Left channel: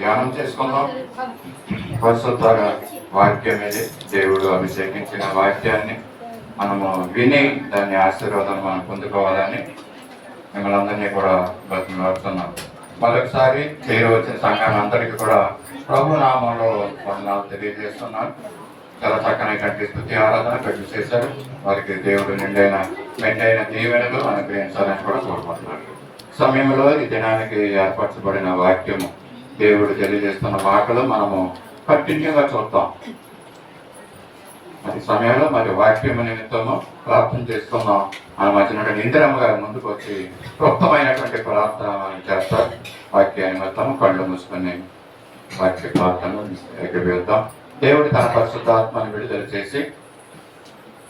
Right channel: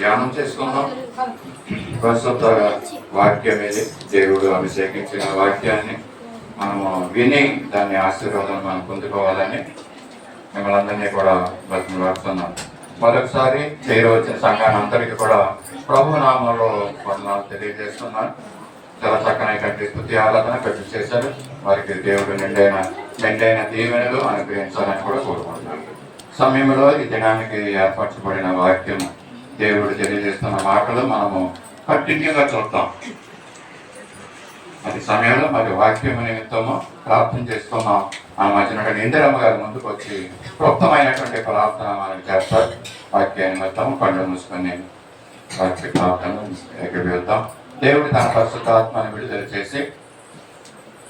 ధ్యానం చేసుకుందాం. పరిశుద్ధ వాక్యం ఇది, దేవుడు అభిషేకించిన వాక్యాన్ని మనము విని దాన్ని ఆశీర్వాదం మనం పొందుకోవాలని మిమ్మల్ని అందరినీ కూడా బ్రతిమలాడుతున్నాం. మరొకసారి చేరవచ్చిన సంఘాన్ని అందరికీ కూడా ప్రభు నామంలో వందనాలు తెలియజేస్తున్నాను. చాలా చక్కనైనటువంటి స్తుతి ఆరాధన కట్టు చేశారు. వారికి దేవుడు మెండైన దీవెనలు అనుగ్రహించాలని కూడా కోరుకుంటున్నాను. సమయంలో ఈ దినానికి ఏర్పరచబడిన వాక్యము, దేవుడు తెలియజేస్తున్న మాటలు మనము కంటిన్యూగా చూద్దాం. అది సమయంలో మరి వాక్యము నిమిత్తము ప్రార్థన చేసుకున్నాం. మన మధ్యన ఇందిరమ్మ గారి ముందుకు వచ్చి క్లుప్తమైనటువంటి ప్రార్థన మనం చేస్తారు. వాక్యాన్ని మొత్తం కళ్ళు మూసుకొని వాక్య ప్రార్థన ఎగవేద్దాం. దేవుడు తన పరిశుద్ధాత్మని విడుదల చేసి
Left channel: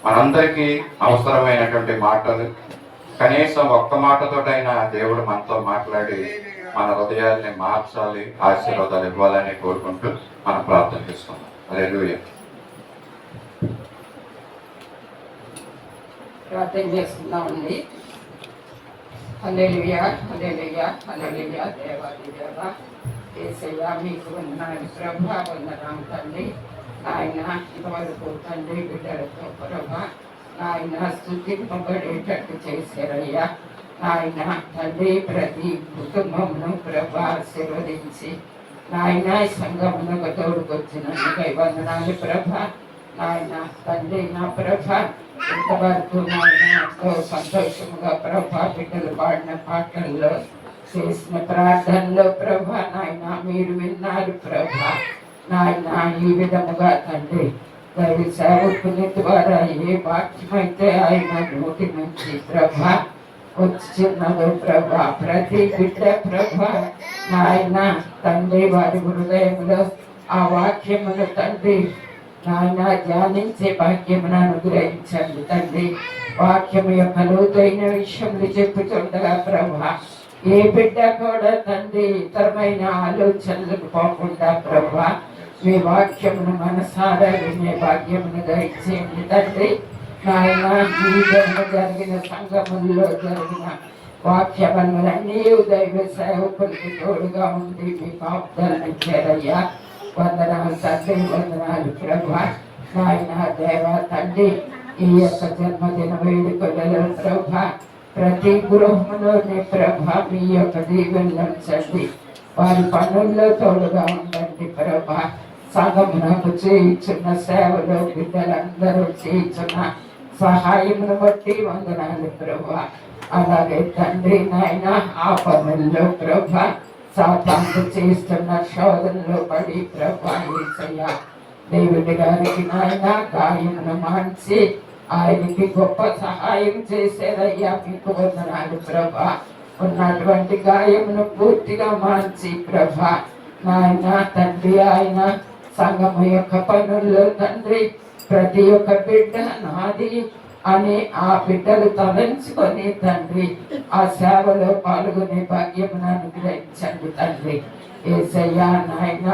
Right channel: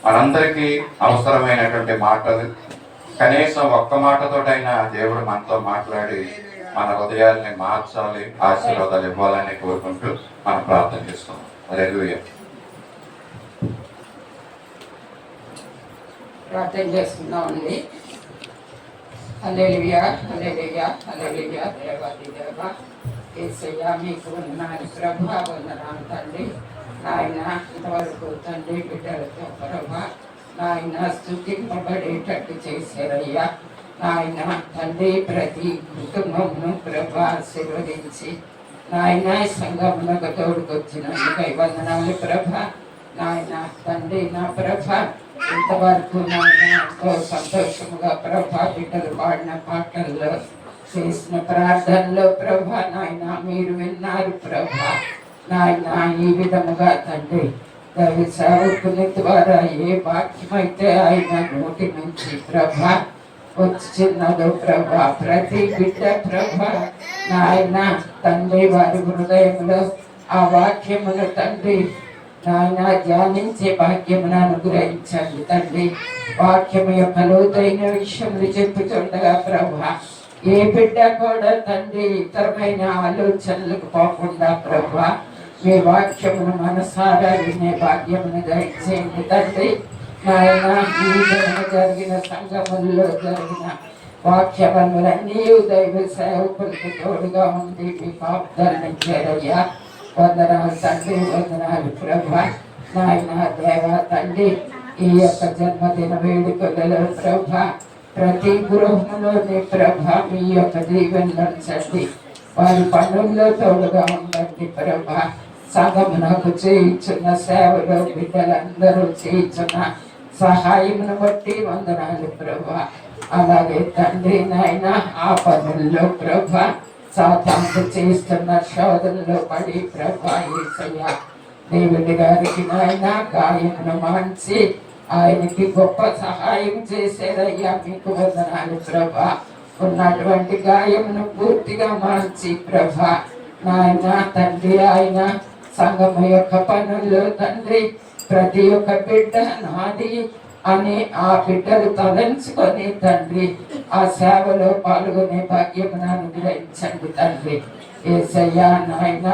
మనందరికీ అవసరమైనటువంటి మాటలు, కనీసం ఒక్క మాటతోటైనా దేవుడు మనతో మాట్లాడి మన హృదయాల్ని మార్చాలి, ఆశీర్వాదాలు ఇవ్వాలని కోరుకుంటూ మనం ప్రార్థన చేసుకున్నాం. హల్లెలూయా. ప్రార్థన చేసుకుందామండి. హల్లెలూయా, హల్లెలూయా, హల్లెలూయా. దేవాది దేవ యేసయ్యా, మీకు వందనాలు ప్రభా, వందనాలు తండ్రి. ఆయన ఇంతవరకు తండ్రి బిడ్డలతో ప్రభా నాయన స్తుతింపబడేటట్టు చేశారయ్యా. నాయన తండ్రి ప్రతి కుటుంబంను ప్రభా ఆశీర్వదించి నాయన సంఘంలో తోడుకొచ్చినందుకై వందనాలు ప్రభా. నాయన తండ్రి నా ప్రభా ఇంతవరకు నాయన ఎంతో సంతోషముగా ప్రభా బిడ్డలు పాడిన పాటల్లో చేసిన ప్రార్థనలో ప్రభా నాయన మీరు విన్నారు ప్రభా. నాయన ఈ విధముగా తండ్రి దైవ సేవకుని ద్వారా ఏ వాక్యమైతే ఆయన నోటి నుంచి ప్రభా వచ్చిన్నదో ప్రభా, ప్రతి బిడ్డ ప్రభా నాయన తండ్రి వారి హృదయంలో ఆ వాక్యమును తండ్రి నాయన ధ్యానించే భాగ్యమును అనుగ్రహించండి తండ్రి. వాక్యము యొక్క లోతైన విషయములు చెప్పుతుండగా ప్రభా ఏ బిడ్డ కూడా తండ్రి ఇతరమైన ఆలోచనలకు పోకుండా ప్రభా మీ వాక్యమును మనసారా వినే భాగ్యమును దయచేయండి తండ్రి. నాయన ఈ జరిగిన సంగముల్లో జరిగిన వాక్యములన్నీ దైవ సేవకులకు తోడుగా ఉండి మీ కాపుదలని చేరయ్యా. వందనాలు తండ్రి, వందనాలు ప్రభా. నాయన దేవ తండ్రి ఈ యొక్క జన్మదిన వేడుకలలో ప్రభా ప్రతి గృహంలోని ప్రభా మీ యొక్క దీవెనలను చండి, వారి పనుల్లో తోడుగా ఉండండి ప్రభా. సంఘమునకు చేయించున్న సేవలో బిడ్డలందరూ చేయించున్న సహాయమును బట్టి వందనాలు ప్రభా. అలాగే తండ్రి నాయన ఆ పనుల్లో ప్రభా సాతాను చేస్తున్న శోధనలో పడి ప్రభా యేసయ్యా దేవుడి గారికి నాయన గాయమును మాన్చి ఆయనకి గొప్ప సహాయం చేశారయ్యా. మీకు వందనాలు ప్రభా. ఉన్నటువంటి గాయమును పూర్తిగా మార్చి ప్రభా నాయన తండ్రి ఆయన సంఘము యొక్క పనుల్లో తండ్రి ప్రతి ఒక్క బిడ్డ నాది అని ఆ బిడ్డలు తలంచుకొని తండ్రి ఆ సేవలో పాల్గొనే భాగ్యమును అనుగ్రహించండి తండ్రి. యేసయ్యా నాయన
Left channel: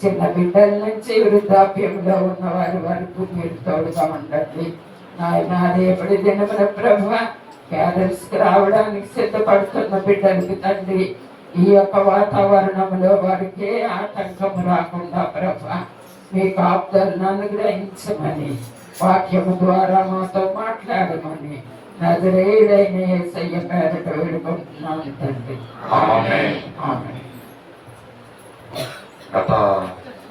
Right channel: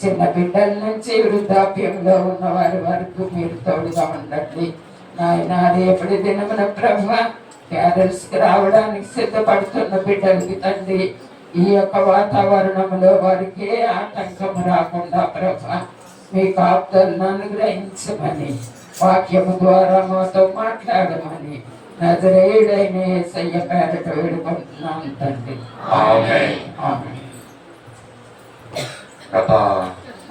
చిన్న బిడ్డల నుంచి వృద్ధాప్యంలో ఉన్న వారి వరకు మీరు తోడుగా ఉండండి నాయన. రేపటి దినమున ప్రభా క్యారల్స్కి రావడానికి సిద్ధపడుతున్న బిడ్డలకి తండ్రి ఈ యొక్క వాతావరణంలో వారికి ఏ ఆటంకము రాకుండా ప్రభా మీ కాపుదలను అనుగ్రహించమని వాక్యము ద్వారా మాతో మాట్లాడమని నజరేయుడైన యేసయ్య పేరట వేడుకుంటున్నాను తండ్రి. ఆమేన్. గత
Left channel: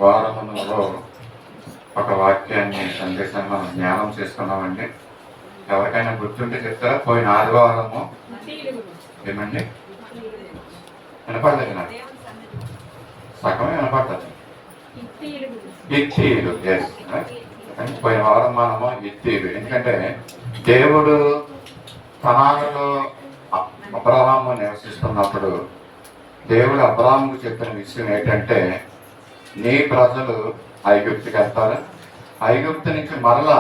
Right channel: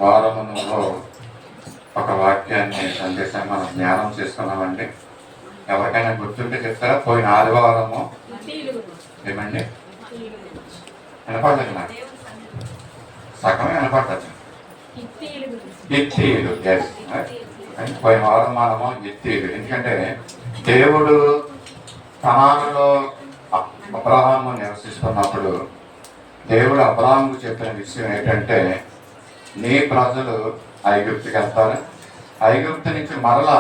వారములో ఒక వాక్యాన్ని సందేశాన్ని మనం జ్ఞానం చేసుకున్నామండి. ఎవరికైనా గుర్తుంటే చెప్తారా? పోయిన ఆదివారము ఏమండి వినపడలేదు, నాకు సగమే వినపడతాను. ఇత్తీలు, ఎస్. పోయిన వారం మనము ఇత్తీలు, ఎందుకంటే దేవుడు కనానులో అబ్రహాము నివసిస్తున్నప్పుడు దేవుడు అబ్రహాముకు చెప్పిన విషయం ఏంటంటే నీ ప్రజలు ఐగుప్తుకి వెళ్తారు, ఐగుప్తు నుంచి మరలా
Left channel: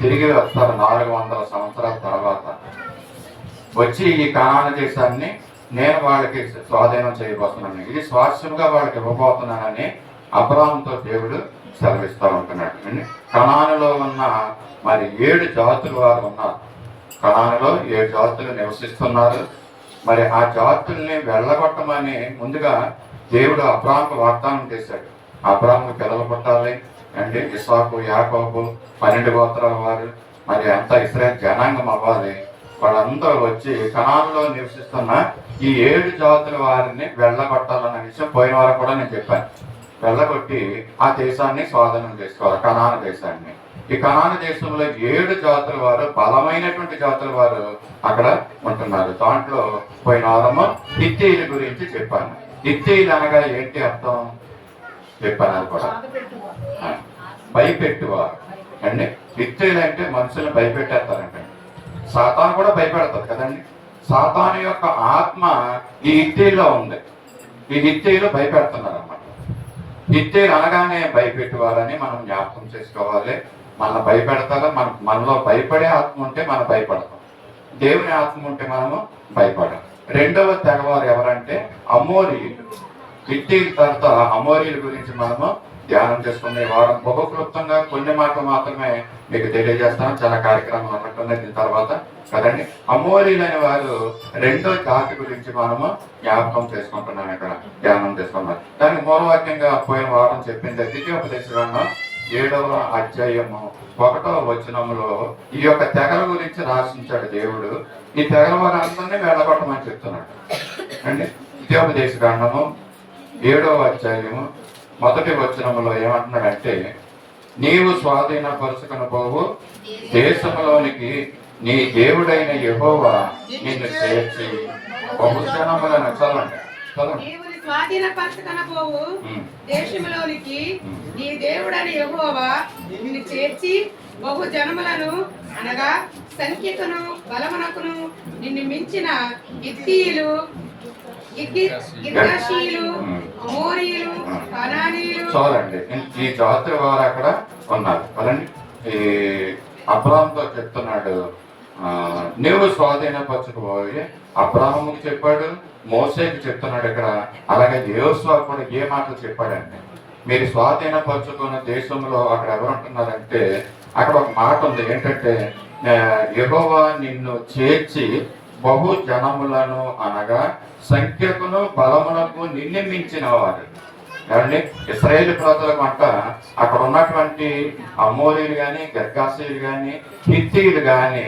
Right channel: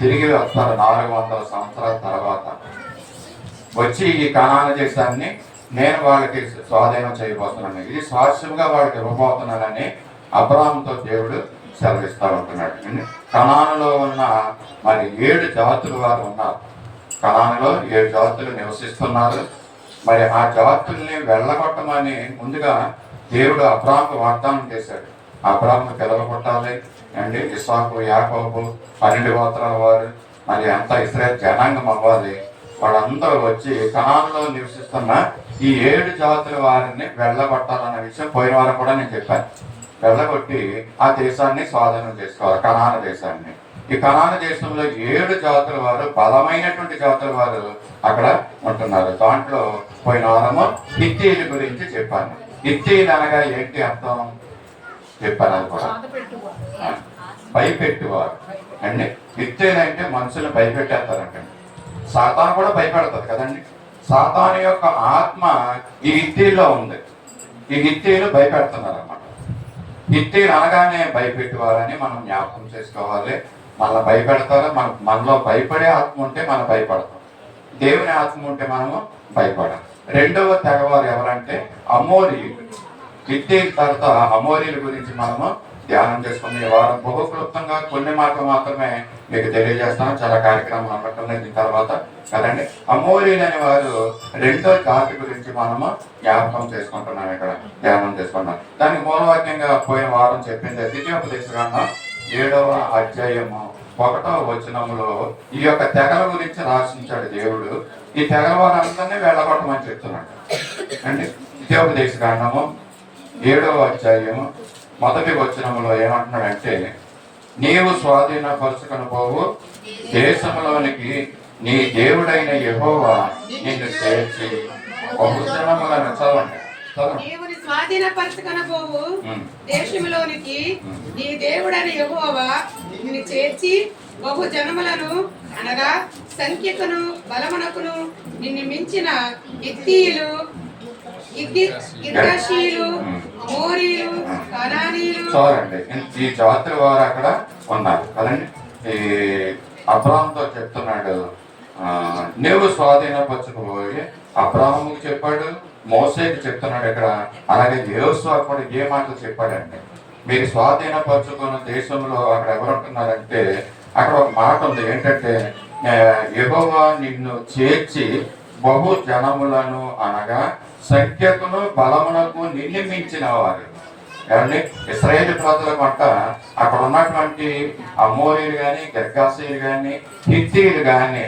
తిరిగి వస్తారు 400 సంవత్సరాల తర్వాత. వచ్చి ఈ కనాను దేశాన్ని నేను వాళ్ళకి స్వాధీనం చేయబోతున్నాను, ఇది స్వాస్థ్యంగా వాళ్ళకి ఇవ్వబోతున్నానని అబ్రహాముతో దేవుడు సెలవిస్తూ ఉంటున్నాడు. కనానులో ఉన్న మరి 7 జాతులు వారు ఉన్నారు. కనానులో 7 జాతులు నివసిస్తున్నారు. మరి ఆ జాతుల్ని వెళ్ళగొట్టమని ముందుగా దేవుడు అబ్రాహాముకు వాగ్దానం చేశాడు, అబ్రాహాము పిల్లలు పుట్టాలి అండి, ఇస్సాకు, యాకోబు 12 గోత్రాల వారు, మరి అంతా ఇశ్రాయేలు జనాంగం అవ్వాలి. వాళ్ళందరూ వచ్చి కనానులో నివసిస్తున్న ఈ 7 జాతుల వారిని వెళ్ళగొట్టాలన్న విషయం పోయిన వారం కూడా నేను చెప్పాను. వెళ్ళగొట్టి ఆ దేశాన్ని స్వాధీనం చేసుకోవాలి, కనాను దేశాన్ని. ఈ కనాను దేశంలో 7 జాతుల వారు, బలమైనటువంటి జాతుల వారు అక్కడ ఉంటున్నారు. దాంట్లో పోయిన వారము హిత్తీయుల గురించి చెప్పాను. హిత్తీయులు అనగా ఏంటి అర్థం చెప్పాను. అది కూడా భయపెట్టువారు అండి. హిత్తీయులు అంటే మనుషులను భయపెట్టేస్తారంటండి. సాతాను కూడా భయపెడతారు కదండి. సాతాను యొక్క ఆత్మ ఈ హిత్తీయులో ఉంది. ఈ హిత్తీయులు భయపెడుతున్నారు అన్నమాట. హిత్తీయులు అనగానే భయపెట్టువారని మనం జ్ఞాపకం చేసుకోవాలి. మనల్ని భయపెడతారు. మనలో భయపడే ఆత్మ ఉంటే మనం భయపడతాం, దేవుని ఆత్మ ఉంటే మనము భయపడం. రెండవ తెగవారు ఎవరంటే అమోరీయులు. హిత్తీయుల తర్వాత అమోరీయుల గురించి మనము ధ్యానం చేసుకునే వారం బహు క్లుప్తంగా కొన్ని మాటలు మాత్రమే మీకు తెలియజేస్తాను. చాలా కార్యక్రమం అనుకుంటున్నాయి దీని తర్వాత కదండి. అమోరీలు అనే వారు రెండో జాతి గురించి మనము జ్ఞాపకం చేసుకుంటున్నాం, ఇక్కడ ధ్యానం చేసుకున్నాం. దానికి మూలవాక్యంగా పోయిన వారం చెప్పింది ద్వితీయోపదేశకాండం 7వ అధ్యాయము 1వ వచనములో ఈ యొక్క తెగల గురించి రాసించాడు దేవుడు. ఈ తెగల వారందరినీ వెళ్ళగొట్టమని చెప్తున్నాడు అండి. ద్వితీయోపదేశకాండము 7వ అధ్యాయము 1వ వచనములో ఏమంటున్నాడంటే, నీవు స్వాధీనపరుచుకొని పోవు దేశంలోనికి నీ దేవుడైన యెహోవా నిన్ను చేర్చి బహుజనములను చదవండి. స్వాధీనపరచుకొనబోవు దేశములోనికి నీ దేవుడైన యెహోవా నిన్ను చేర్చి బహు జనములను అనగా సంఖ్యకును బలమునకును నిన్ను మించిన హిత్తీయులు, గిర్గాషీయులు, అమోరీయులు, కనానీయులు. చూడండి, ఈ జాతుల వారు అక్కడ ఉన్నారు కదండి. ఈ అబ్రాహాముతో చెప్తున్నాడు, నీవు స్వాధీనపరచుకుపోయి. అబ్రాహాముకి చెప్పాడు, మోసేకి చెప్తున్నాడు ఇక్కడ. అలాగే యోషువా కూడా ఏ మాటలు చెప్పాడంటే, మీరు స్వాధీనపరచుకున్న దేశంలో అక్కడ ఎవరు ఉంటున్నారంటే, అక్కడ ఒక మాట ఉంది ఏంటంటే, యెహోవా నిన్ను చేర్చి బహు జనములను అనగా సంఖ్యకును బలమునకు నిన్ను మించిన వారు. ఏమండి, ఇశ్రాయేలు ప్రజలకు అంట అక్కడ ఉన్నటువంటి అమోరీలు కానీ, గిర్గాషీయులు కానీ, హిత్తీయులు కానీ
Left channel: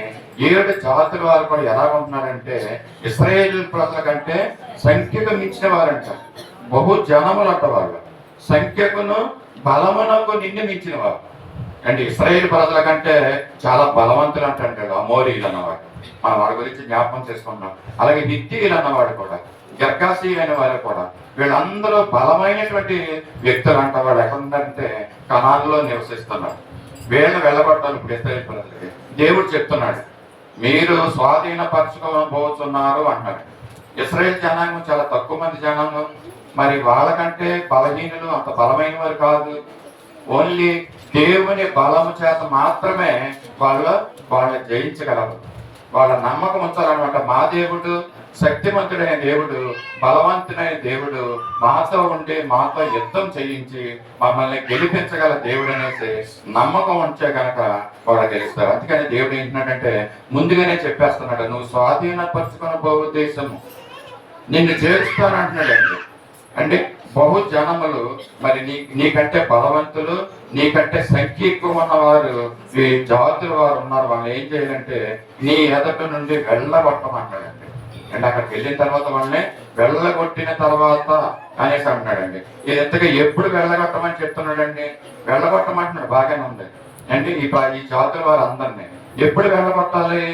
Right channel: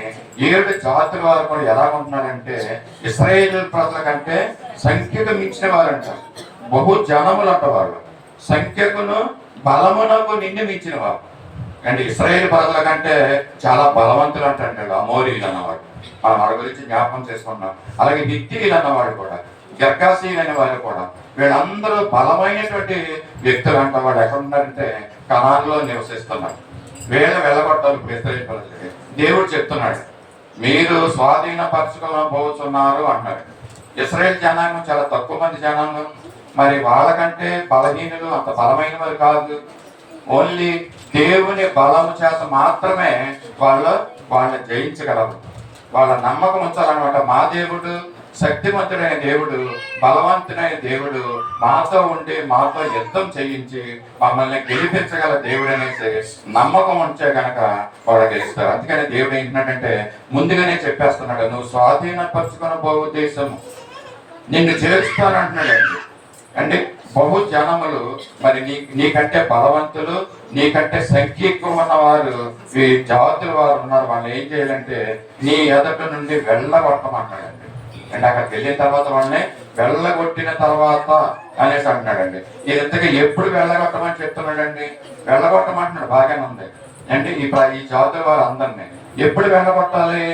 7 జాతుల వారు కూడా ఎలా ఉంటున్నారంటే, ఇశ్రాయేలు ప్రజల కంటే సంఖ్యకు మించిన వారంట. బహు జనములు అంట వాళ్ళు, సంఖ్యకును బలమునకు నిన్ను మించిన వారు. అండ్ ఇశ్రాయేలు ప్రజల కంటే చాలా బలవంతులు అంటాడు అమోరీలు అన్నవాడు. మనం వాడి గురించి జ్ఞాపకం చేసుకున్నాం. అలాగే హిత్తీయులు అన్నవాడు కూడా, గిర్గాషీయులు అనే వాళ్ళు కూడా, వీళ్ళందరూ బలమైనటువంటి వ్యక్తులు అంట. వాళ్ళు ఎక్కడ ఉన్నారంటే కనానులో నివసిస్తున్నారు. వీళ్ళని వెళ్ళగొట్టాలి ఇప్పుడు ఇశ్రాయేలు ప్రజలకి. దేవుడు చెప్తున్నాడు, మీరు స్వాధీనపరచుకోబోతున్నారు అన్నాడు. ఇశ్రాయేల్ జనాంగం చాలా తక్కువ మంది జనాంగం. మరి వాళ్ళకంటే బలహీనులు, అంత బలమైన వారు కాదు. ఓన్లీ దేవుని బలము చేత మాత్రమే వాళ్ళని జయించగలరు. వాళ్ళ నమ్మకం ఉంచాలన్నమాట. మా దేవుడు శక్తివంతుడైన దేవుడు, బలవంతుడైన దేవుడు, మాతో ఉండి మాతో యుద్ధం చేయించి మమ్మల్ని గెలిపించగల దేవుడు అనేసి నమ్మకం ఉంచే కనుక వాళ్ళు గెలుస్తారు. అందుకని దేవుడు ఏంటంటే ముందుగానే చెప్పేస్తున్నాడు, నువ్వు స్వాధీనపరచుకున్న బహు దేశము నిన్ను చేరుస్తానంటున్నాడండి. అంటే బహు జనములు, మరి నీకంటే బలవంతులు, నీకంటే సంఖ్య ఎక్కువ ఉన్నవారు ఈ జాతుల వారు ఉన్నారు. వాళ్ళు ఏం చేయాలంటే నీ ఎదట నుండి వెళ్ళగొట్టమంటాడండి. అంటే అక్కడికి వెళ్ళిన తర్వాత వాళ్ళని వెళ్ళగొట్టిన తర్వాత అనేసి అంటున్నాడండి. ఇది ఎంతగా ఎప్పుడు వెళ్ళగొట్టమని చెప్తున్నాడండి? వెళ్ళగొట్టమంటున్నాడు, బాగానే ఉంది. అంటే ఈ జాతుల వారు అందరినీ ఎప్పుడు వెళ్ళగొట్టాలి?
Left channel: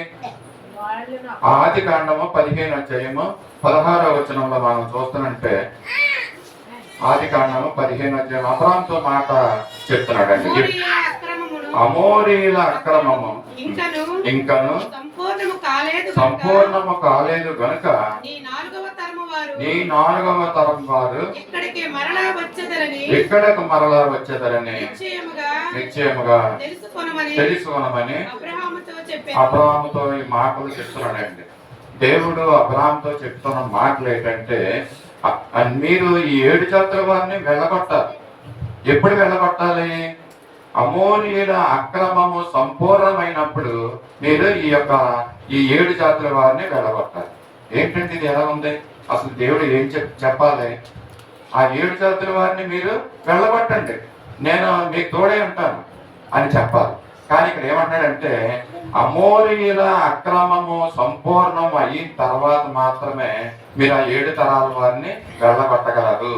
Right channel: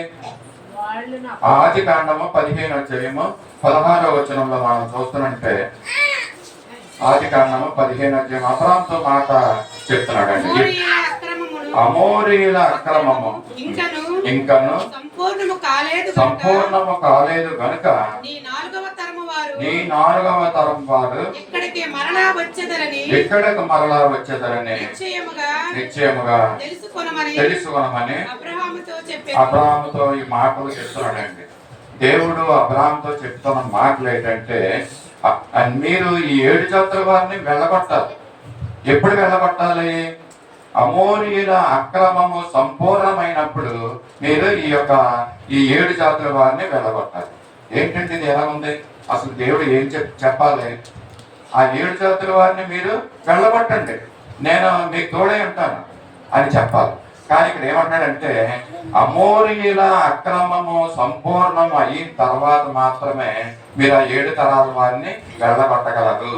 ఆదికాండము 15వ అధ్యాయము 16వ వచనంలో మనం చూస్తున్నట్టే, ఆదికాండము 15వ అధ్యాయం అబ్రాహాముతో మాట చెప్తున్నాడండి. అమోరీల అక్రమము ఇంకను సంపూర్ణము కాలేదు గనుక నీ 4వ తరం వారు ఇక్కడకు మరలా వచ్చేదరని నిశ్చయముగా తెలుసుకొనమని అబ్రాహాముతో ఈ మాటలు చెప్తున్నాడండి. దేవుడు అబ్రాహాముతో చెప్తున్న మాటలు ఏంటంటే, మీరు ఈ 7 జాతుల వారిని వెళ్ళగొట్టాలి. ఎప్పుడు వెళ్ళగొట్టాలి? అమోరీయుల అక్రమము సంపూర్ణమైనప్పుడు మీరు ఈ 7 జాతుల వారిని వెళ్ళగొట్టాలి. ఏంటంటే ఇది ఎలా ఉంది? అసలు దేవుడు ఏం చెప్పాలి? ఆ 7 జాతుల వారిని మీరు వెళ్ళగొట్టండి, నేను మీకు తోడే ఉంటాను అని చెప్పాలి. కానీ ఇక్కడ ఏమంటాడంటే అమోరీల అక్రమము సంపూర్ణము అయిన తర్వాత మాత్రమే మీరు ఆ 7 తరాల వారిని వెళ్ళగొట్టగలరు,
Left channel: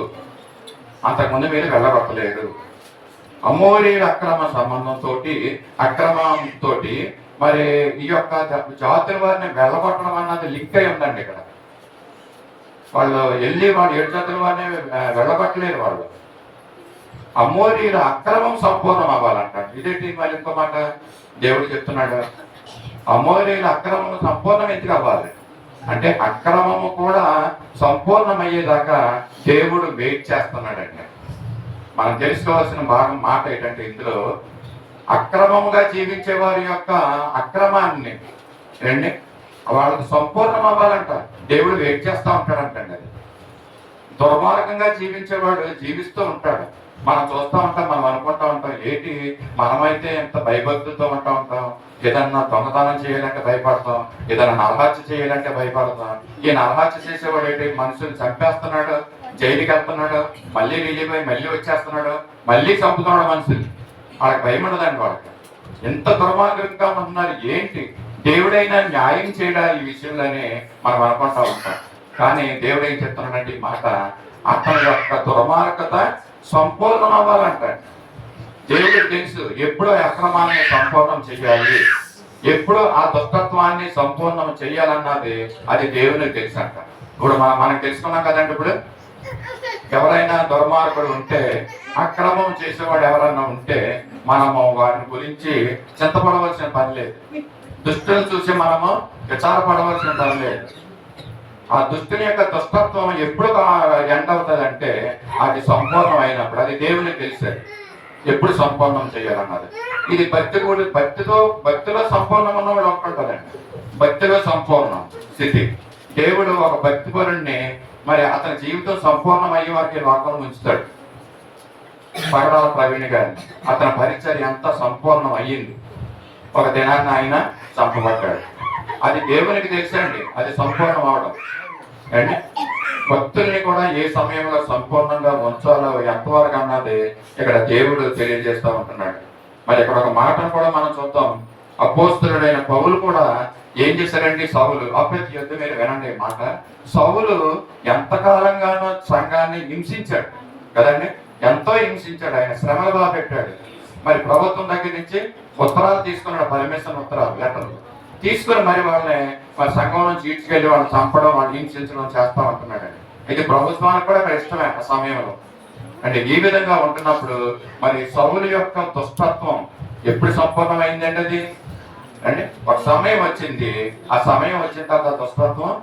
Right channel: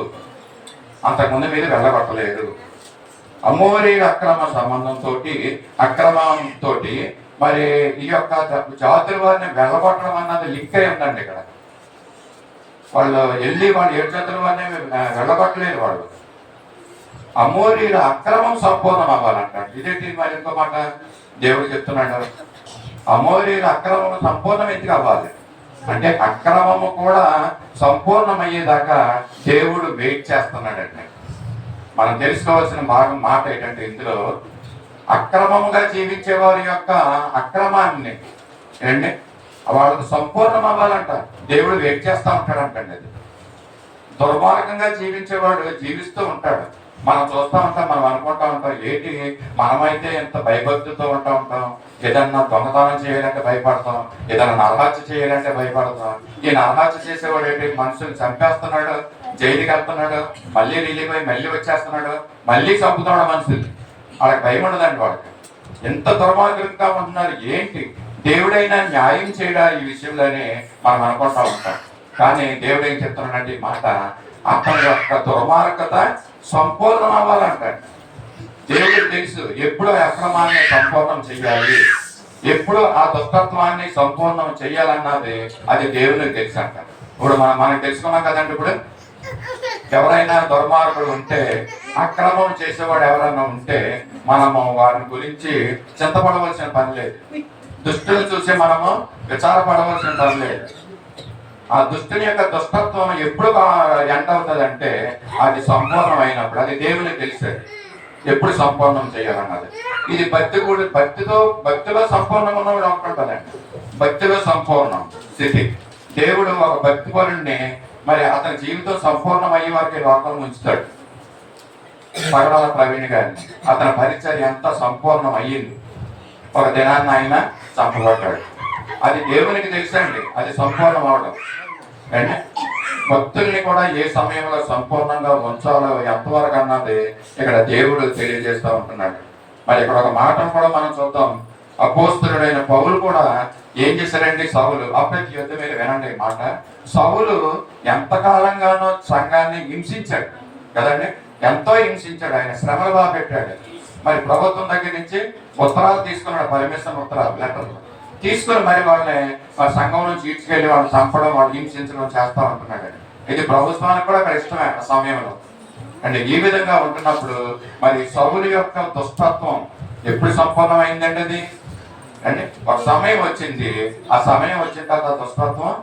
అంతకుముందు మీరు వెళ్ళగొట్టలేరు. అమోరీ అక్రమ సంబంధంతో అక్రమంతో మరి ఈ యొక్క జాతుల వారిని వెళ్ళగొట్టడం అన్నది లింక్ అయి ఉందండి. ఇక్కడ వాళ్ళు వెళ్ళి వాళ్ళు 7 జాతుల వారిని వెళ్ళగొట్టలేరు. వాళ్ళు అమోరీల అక్రమం సంపూర్ణం అవ్వాలంట. ఇదేంటి మరి ఇంకో మాట దేవుడు చెప్తున్నాడు, అమోరీల అక్రమం సంపూర్ణం ఎందుకు అవ్వాలి అంటే అక్రమము కూడా సంపూర్ణమయ్యేదాకా దేవుడు వెయిట్ చేస్తున్నాడండి. మనం తెలుసుకోవాల్సిన మాట ఏంటంటే ఇందులో అక్రమంగా జీవించే వారి యొక్క అక్రమాన్ని ఏంటి వాళ్ళకి సంపూర్ణం అవ్వాలంట దేవుడు వెయిట్ చేస్తూ ఉంటాడంటండి. అది దుర్మార్గంగా జీవించేవాడు జీవిస్తూ ఉంటాడు, మనం చూస్తూ ఉంటాం, మనం అనుకుంటా ఉంటాం ఏంటి మనమైతే ఎంత భయభక్తులతో ఉంటాం, ఏదన్నా దొంగతనం చేయాలంటే భయపడతాం, ఏదైనా నరహత్య చేయాలంటే భయపడతాం. ఈ నరహత్య చేసేవాడు ఏంటి మనుషులు చంపేస్తున్నాడు, జైలుకి వెళ్తున్నాడు, మళ్ళీ రిలీవ్ అయ్యి మళ్ళీ వచ్చేస్తున్నాడు, మళ్ళీ చంపుతున్నాడు మనుషులు. వాళ్ళకి భయం ఉండదండి. వాళ్ళకి ఎంత దుర్మార్గంగా ఉంటున్నారు. ఏంటి దేవుడైనా న్యాయం చేయడా ఈ విషయంలోనే మనం అనుకుంటా ఉంటాం. కానీ దేవుడు ఏం చెప్తున్నాడంటే ఈ మాట, అతని యొక్క దుర్మార్గత సంపూర్ణం అవ్వాలంటాడు. దేవుడికి తెలుసు ఎప్పుడు అక్రమాన్ని సంపూర్ణం చెయ్యాలి, ఎప్పుడు ఆ దుష్టత్వాన్ని సంపూర్ణం చెయ్యాలన్నది అది దేవునికి తెలుసు అంట. ఇప్పుడు మనకు తెలుసుకున్నాం కదండి. ఇప్పుడు ఎవరైనా దుర్మార్గుడు ఉంటే, అక్రమం చేసేవాడు ఎవరైనా ఉంటే మనము వారి గురించి చింతపడవలసిన పని లేదు. దుష్టుని చూసి మనము విచారపడవలసిన పని లేదు. ఆ దుష్టుని యొక్క దుష్టత్వం ఎప్పుడు ఎండ్ అవుతుంది అంటే అది సంపూర్ణం అయినప్పుడు. అది దేవునికి తెలిసేది ఎప్పుడు సంపూర్ణం చేయాలన్నది. ఇది భక్తిలో సంపూర్ణంగా ఉన్నవాడు ఒకటండి. భక్తిలో సంపూర్ణం స్థితి. దేవుడు ఒక భక్తి పరుణ్ణి మరి అతని జీవితం సంపూర్ణం అయ్యే వారికి లోకంలో ఉంచుతాడు. పగడాల ప్రవీణ్ గారిని అతని పరిచర్య ఎంత సంపూర్ణం అయ్యింది. ఒక దినాన్ని ఆయన చంపబడ్డాడు. అది దేవునికి తెలుసండి, అది సంపూర్ణం అవడం. అంటే భక్తుల్ని కూడా ఏ సమయంలో సంపూర్ణంగా ఉంచాలో ఎంతవరకు అన్నది ఇక్కడ దేవుడు తెలియజేస్తూ ఉంటున్నాడు. మరి ఇక్కడ ఒక మాటను కూడా మనం చూద్దాం. అపోస్తలుడైన పౌలు కూడా ఏం చేశారండి, సౌలు అప్పటి యుద్ధ మీరు వినండి మాట. సౌలు ఎంతకాలంగానో సంఘాన్ని హింసించాడు కదండి, ఎంతో హింసించాడు. ఆయన శ్రమలు బాగా పెట్టాడు. మరి ప్రభుత్వం దగ్గర నుంచి ఉత్తరాలు తీసుకున్నాడు, పర్మిషన్ ఉత్తరాలు, లెటర్లు తీసుకుని మరి వాళ్ళని వాళ్ళ సంఘం నుంచి ఈడ్చుకెళ్ళి వాళ్ళు చంపడం, వాళ్ళు హింసించడం చేస్తూ ఉంటున్నాడు. ఇది ప్రభుత్వానికి కూడా అక్కడ ఇష్టమే ఆ సమయంలో. అంటే ఈ విధంగా ఉంటున్నప్పుడు మరి సౌలు యొక్క దుష్టత్వం ఎప్పుడు సంపూర్ణమైందండి అది అంటే ఒక సమయం వచ్చింది. ఆ సమయం వచ్చిన తర్వాత దుష్టత్వం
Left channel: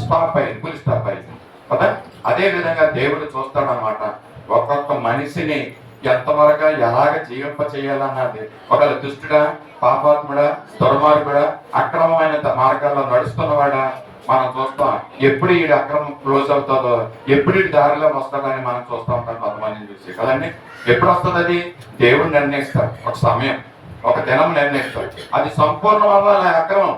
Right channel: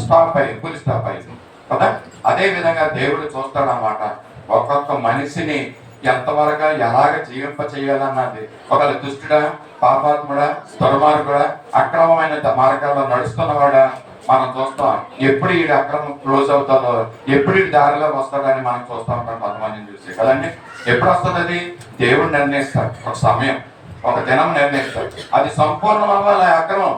స్టాప్ అయింది, ఫుల్ స్టాప్ అయింది కదా. అదే విధంగా దేవుడు చూస్తాడనమాట ఒక్కొక్క మనిషిని ఎంతవరకు ఎలాగ జీవింప చేయాలన్నది. ఒకవేళ దుష్టుడా, పాపాత్ముడా, దుర్మార్గుడా, అక్రమమైన మార్గాల్లో నడుస్తున్నవాడా మనం చూస్తాం. ఎప్పుడు ఈ అక్రమం క్లోజ్ అవుతుందో, ఎప్పుడు ఈ దారిలో వస్తాడని మనం చూస్తూ ఉంటాం కొంతమందిని చూసి కదండి. ఎప్పుడు వస్తుంది అది దేవుడు నిర్ణయిస్తాడు. ఒక సమయం, ఒక దినం నిర్ణయిస్తాడు. అది సంపూర్ణం అవ్వాలి ఆ అక్రమం.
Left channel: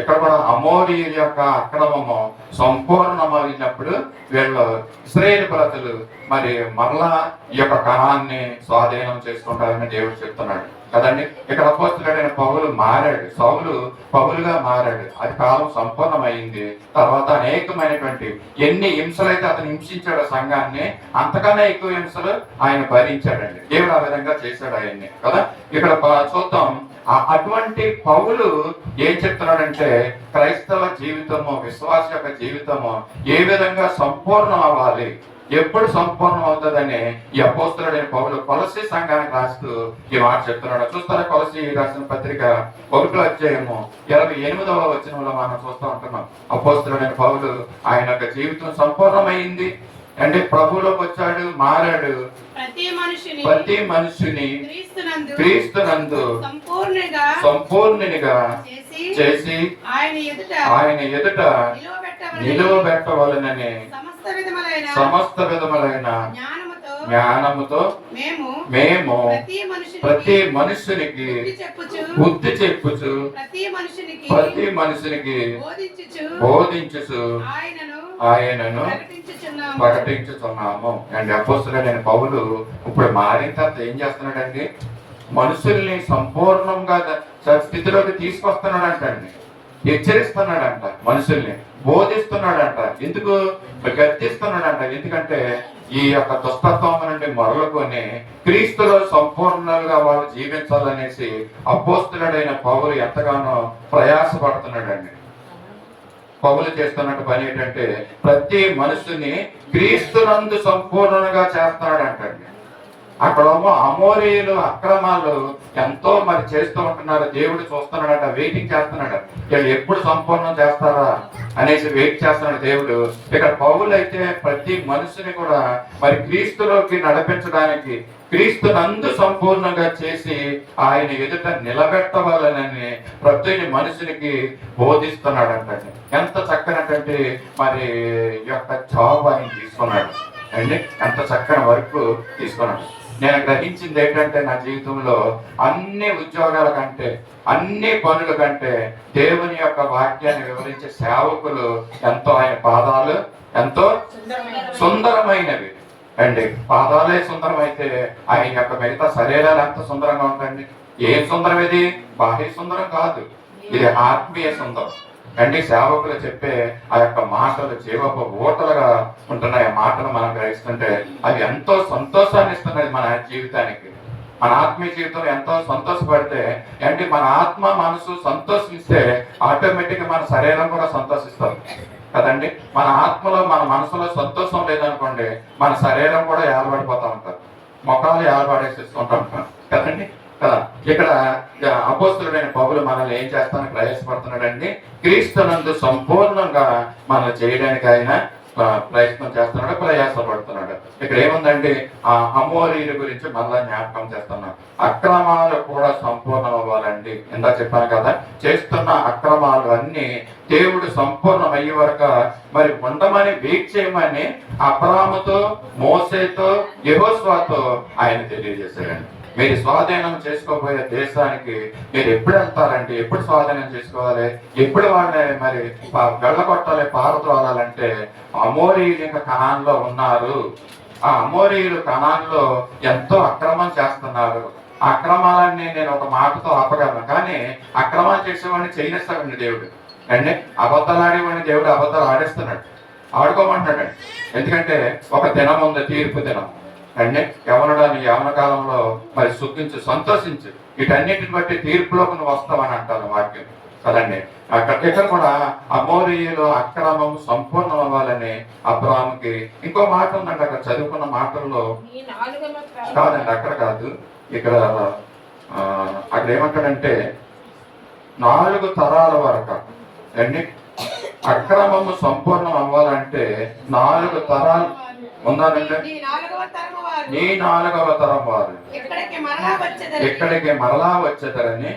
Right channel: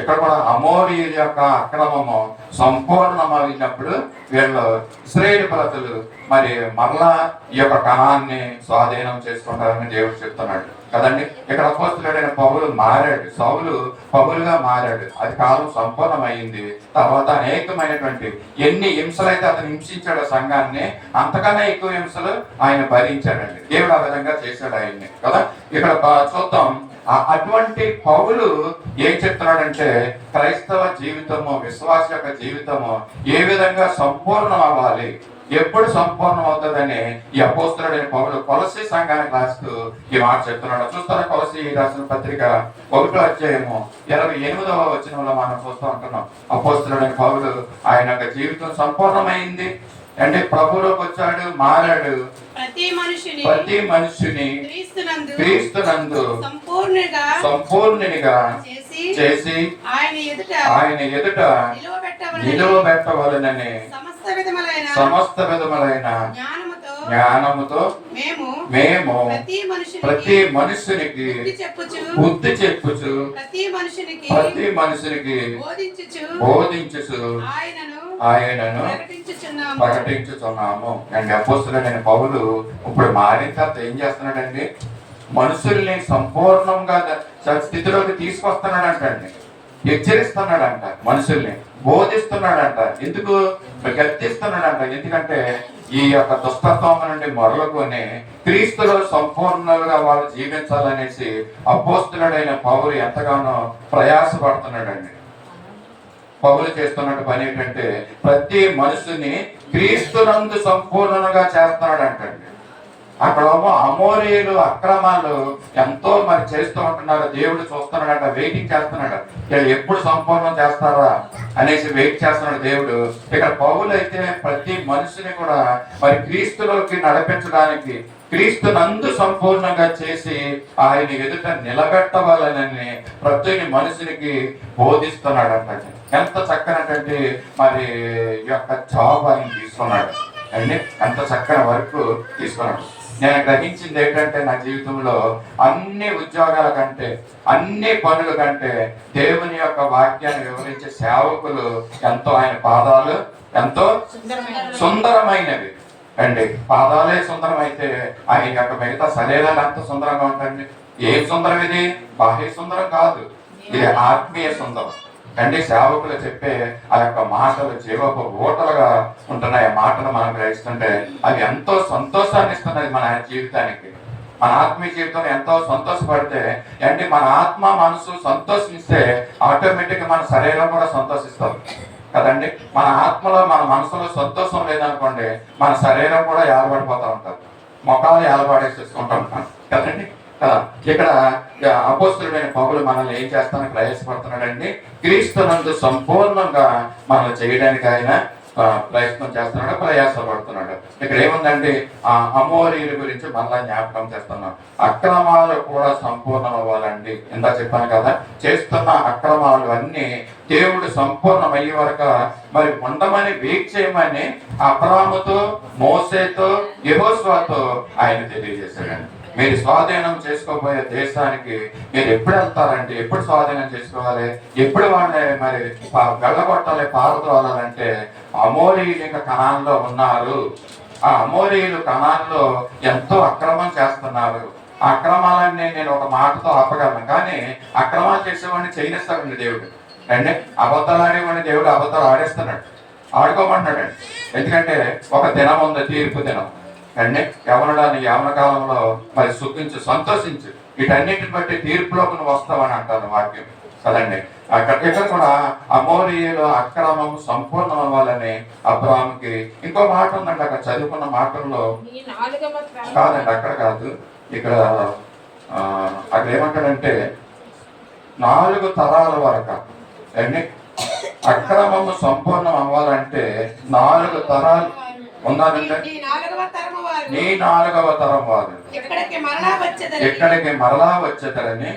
ఇక్కడ కూడా అమోరీ యొక్క అక్రమము సంపూర్ణమైనప్పుడు వీళ్ళు ఇశ్రాయేలు ప్రజలు మరి మరలా ఈ యొక్క కణాన్ని స్వాధీనం చేసుకుంటారని దేవుడు చెప్తున్నాడు కదండి. ఇక్కడ అపోస్తలుడైన పౌలు మారాడు, సౌలు పౌలుగా మారాడు. అది కాలం సంపూర్ణమైంది. తర్వాత అనేకమైనటువంటి ఎన్ని హింసలైతే అతను హింసించాడో సంఘాన్ని, అంతకన్నా ఎక్కువ హింసలు ఆయన భరించాడండి. దేవుడు ఆ విధంగా చేశాడు ఆయన్ని కదా. ఇక్కడ చూద్దాం. అటువంటి పౌలు ఏం చెప్తున్నాడంటే క్రైస్తవ జీవితము, విశ్వాస యొక్క జీవితము ఏ విధంగా సంపూర్ణం అవ్వాలి, ఎప్పుడు సంపూర్ణం అవుతుందని ఈ అపోస్తలుడైన పౌలు కొలసీ సంఘానికి రాస్తూ ఈ మాట చెప్తున్నాడు. చూస్తారా, కొలసీ రాసిన పత్రిక 1వ అధ్యాయము 28వ వచనంలో మనం చూస్తూ ఉంటున్నాం. అపోస్తలుడైన పౌలు ఆయన యొక్క జీవితం సంపూర్ణమైంది అంటే ప్రభువులోకి వచ్చాడు, మారాడు. ప్రతి మనుషుని క్రీస్తునందు సంపూర్ణునిగా చేసి ఆయన ఎదుట నిలువబెట్టవలెనని సమస్త విధములైన జ్ఞానముతో మేము ప్రతి మనుషునికి బుద్ధి చెప్పుచు ప్రతి మనుషునికి బోధించుచు ఆయనను ప్రకటించుచున్నాము. ప్రకటించుతున్నాము. అండ్ అపోస్తలుడైన పౌలు ఇప్పుడు మారిన తర్వాత ఏం చేస్తున్నాడండి? మనుషుల్ని సంపూర్ణంగా స్థితిలోకి తీసుకొస్తున్నాడంటండి, హెచ్చరిస్తున్నాడంట, మనుషుల్ని బోధిస్తున్నాడంట. ఎందుకు? గద్దిస్తున్నాడంట. ఎందుకంటే ఈ యొక్క దుష్టత్వం నుండి మొదలుకొని క్రీస్తులో సంపూర్ణంగా వాళ్ళు జీవించాలనేసి అపోస్తలుడైన పౌలు ఎంతగానో ప్రయాసపడుతున్నాడండి. పౌలు చేస్తున్న పని ఏంటంటే ప్రతి మనుషుని క్రీస్తునందు సంపూర్ణంగా చేస్తున్నాడంటండి. అక్కడేమో అమోరీయులు అక్రమాలు ఎంతో మరి చేస్తూ ఉంటున్నారు. దేవుడు చూస్తున్నాడట, వెయిటింగ్ చేస్తున్నాడు, వీళ్ళు ఎప్పుడు సంపూర్ణం చేస్తారా అనేసి వెయిట్ చేస్తున్నాడు దేవుడు. ఇక్కడ పౌలు అయితే ప్రతి మనిషిని కూడా మరి క్రీస్తులోకి నడిపించడానికి, క్రీస్తునందు సంపూర్ణంగా చేసి ఆయన ఎదుట నిలబెట్టవాలని ప్రతి మనిషికి బోధిస్తున్నాడంట. ఎంత చక్కనటువంటి మరి యొక్క జాబ్ ఆయన తీసుకున్నాడు అండి, ఎంత చక్కని వర్క్ తీసుకున్నాడు. నేను గ్రహించింది ఏంటంటే నా జీవితంలో అన్ని ఉద్యోగాల కంటే, అన్ని పనుల కంటే దేవుని యొక్క వాక్యాన్ని వివరించే సేవకులు ఎంతో, ఆయన పాదాలు ఎంతో సుందరమైనవి అండి. పాదాలే సుందరమైతే ఆయన యొక్క మిగతా శరీరాలు ఎంత సుందరంగా ఉంటాయండి. ఏం సుందరం ఇది? బాహ్య సుందరం కాదు, ఇది ఆత్మీయ సుందరం అండి. సేవకులు చెప్పే ఆ యొక్క మాటలు జీవపు ఊటలుగా ఉంటున్నాయి. ఆ మాటలు మనం గ్రహిస్తుంటే అవి ఎంతో సంతోషాన్ని ఇస్తున్నాయి మన జీవితానికి. మన ఆత్మీయ జీవితంలో ఎంతో సంతోషపడితే అంటే మన ఆత్మ మనసు సంతోషిస్తే ఆటోమేటిక్గా మన శరీరం కూడా సంతోషిస్తుంది కదండి. మన ఆత్మలో మన మనసులో సంతోషం లేదనుకోండి, మన శరీరం కూడా ఏలబడిపోతూ ఉంటుంది, మొఖాలు ఏలబడేసేసుకుంటూ ఉంటాం కదండి కదా. ఇక్కడ అపోస్తలుడైన పౌలు మనల్ని ఏం చేస్తానికి ప్రయాసపడుతున్నాడండి? క్రీస్తునందు సంపూర్ణంగా మనల్ని చేయడానికి ఆయన ప్రయత్నం చేస్తున్నాడు, ప్రయాసపడుతున్నాడు. ఇక్కడ ఏముందండి? అమోరీల గురించి మళ్ళా జ్ఞాపకం చేస్తున్నాం. అక్రమాలు కూడా సంపూర్ణం అవ్వాలండి. ఇందా చెప్పాను కదా, చేస్తున్న అక్రమాలు అన్ని దేవుడు సంపూర్ణమయ్యే వరకు మరి ఉండమని వెయిట్ చేయమని అబ్రాహాముతో, మోసేతో, యెహోషువతో ఆయన తెలియజేశాడండి. మీరు స్వాధీనం చేసుకోబోయే దేశానికి మీరు ఎప్పుడు వెళ్తారంటే, ఎప్పుడు స్వాధీనం చేసుకోవాలి, ఎప్పుడు వాళ్ళని మరి వెళ్ళగొట్టాలి, పారద్రోలాలంటే అమోరీయులు ఇంకా కనాన్లో ఉన్నారు. ఆ అమోరీయులు కనాన్లో ఎంతో అక్రమం చేస్తున్నారు. ఆ అక్రమాలన్నీ నేను ఒక మాటతో ఆపగలను, కానీ అక్రమాలు చేసేవాడిని చేయనిస్తాడండి దేవుడు అండి. అబద్ధాలు ఆడేవాడిని దేవుడు అబద్ధాలు ఆడేస్తున్నాడు, ఆడుకోమంటున్నాడండి. ఎందుకంటే ఒక దినం ఉంది, తీర్పు దినం అండి. యవన కాలంలో మరి సుఖించు, సంతోషించు, వీటన్నిటిని బట్టి తీర్పులోకి నువ్వు వస్తావని అంటాను వాక్యం కదండి. ఇక్కడ కూడా అమోరీయులు అక్రమం సంపూర్ణం అవ్వాలని అబ్రాహాముకి ఇంకో మాట ఉందండి. అక్కడ చదువుకున్న మాటల్లో కాదండి, అక్కడ కాదు, ఇక్కడ అక్కడ ఏమంటాడంటే 4 తరాల వరకు అండి అక్రమము సంపూర్ణం అవ్వాలంటే 4 తరాలు ఉందానంటే నీ 4వ తరం వారు ఎక్కడికి మరలా వచ్చేదరని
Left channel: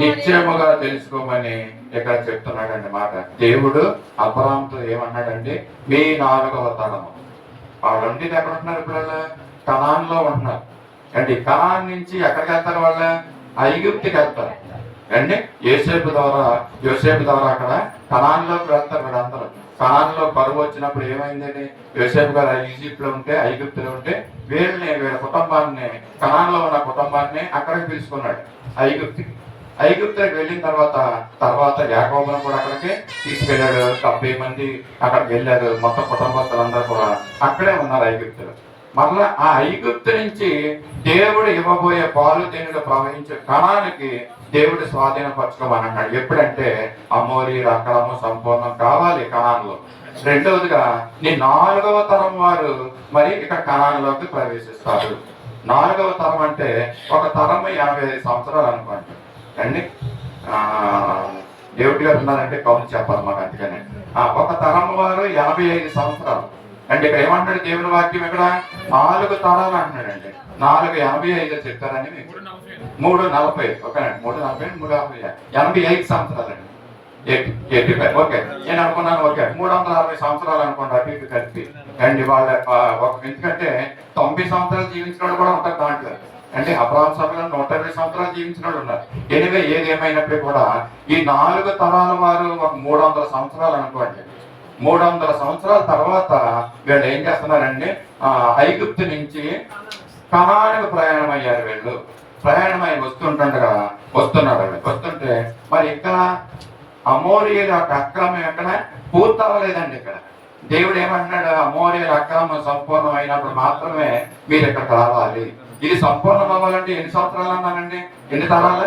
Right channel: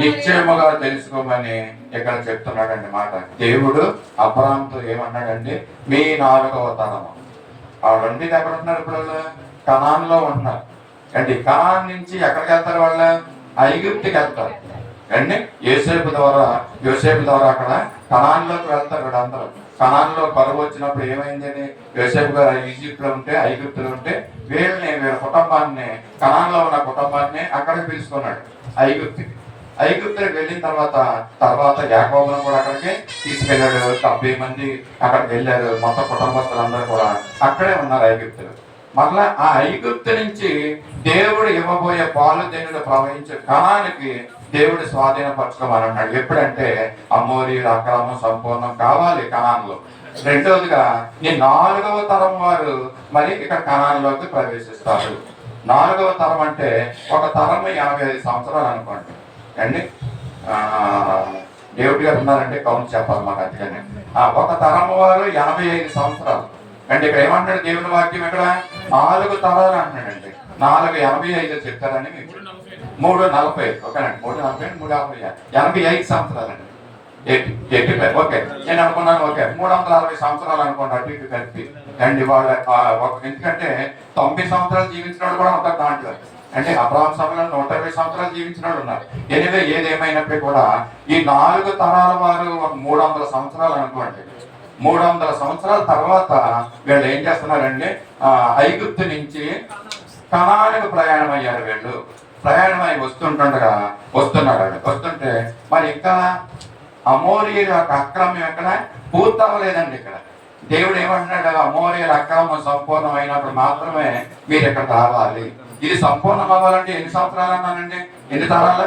నిశ్చయముగా తెలుసుకోమని ఇక్కడ చెప్తున్నాడండి మాట. దేవుడు అబ్రాహాముతో ఏమన్నాడండి? మీ 4వ తరము. వాళ్ళు ఉండేది ఎక్కడ ఉంటున్నారు? ఇప్పుడు కనాన్లో ఉంటున్నారు అండి. కనాన్ నుంచి ఎక్కడికి వెళ్తారు? వాళ్ళు ఐగుప్తుకి వెళ్తారు అండి. యోసేపు ద్వారా అక్కడ కనాన్లోకి వెళ్తారు వీళ్ళందరూ. కనాన్లో కరువు వచ్చినప్పుడు ఏమైందని, యోసేపు గారు ఈజిప్ట్లో ఉంటే, ఐగుప్తులో ఉంటే వీళ్ళ కుటుంబాన్ని, కనాన్లో ఉన్న కుటుంబాన్ని అక్కడికి పిలుచుకున్నాడు ఐగుప్తుకి. ఐగుప్తుకి వెళ్ళిన తర్వాత యాకోబును కూడా అక్కడికి తీసుకెళ్ళాడు. 70 మంది అక్కడికి వెళ్ళారు. మొత్తం కుటుంబస్తులందరూ కూడా అక్కడే ఉన్నారు ఐగుప్తులు. మరలా ఆ ఐగుప్తు నుంచి దేవుడు ఇవ్వబోయే పాలు తేనెలు ప్రవహించే కనానికి దేవుడు స్వాధీనపరచుకోమని అన్నాడు. ఎప్పుడంటే అమోరీయుల అక్రమం సంపూర్ణం కావాలి కనాన్లో. రెండవదిగా నీ 4వ తరం వారు మరి ఇక్కడ కనాన్లోకి ప్రవేశిస్తారు. 4వ తరం అంటే ఒక తరం 55 సంవత్సరాలు అనుకోండి అండి. దేవుడి గారు ఉన్నారంటే కౌంట్ చెప్పాలి మాకు. అందుకనే ఒక తరం వారు 85 సంవత్సరాలు అంటే ఇక్కడ ఏమంటాడు దేవుని వాక్యం? ఇక్కడ 4 తరాలు అంటున్నాడండి. 485 చెప్తారని మీకు 340 ఓకేనండి. 340 85 సంవత్సరాలండి. ఓకే, నేను అనుకున్నాను ఓకే 360 సంవత్సరాలు అనుకోండి అటు ఇటు కలిపి అండ్ వాళ్ళ. ఎందుకంటే 90 సంవత్సరాలు జీవించిన వాళ్ళు కూడా ఉంటారు దాంట్లో అంటే. అబ్రాహాము సభలో 120 సంవత్సరాలు జీవించిన వాళ్ళు ఉన్నారు. ఏదేమైనప్పటికీ కూడా ఈ 4 తరాల వారు ఒక 300 సంవత్సరాలు అనుకోండి. 300 సంవత్సరాల తర్వాత వీళ్ళు ఏం చేస్తున్నారండి, ఐగుప్తు నుంచి కనానుకు ప్రయాణం అయ్యారు. వీళ్ళు ప్రయాణమై వస్తుంటే మరి ఇంకా అమోరీయుల యొక్క అక్రమం ఎక్కడ పూర్తవ్వలేదండి. ఇక్కడ దేవుడు ఏమంటున్నాడు, అమోరీయుల అక్రమం సంపూర్ణం అయినప్పుడు మాత్రమే మీరు ఇక్కడికి రావాలి. ఇది సంపూర్ణం అవ్వాలంటే ఎన్ని సంవత్సరాలు అన్నానండి? ఎన్ని తరాలు?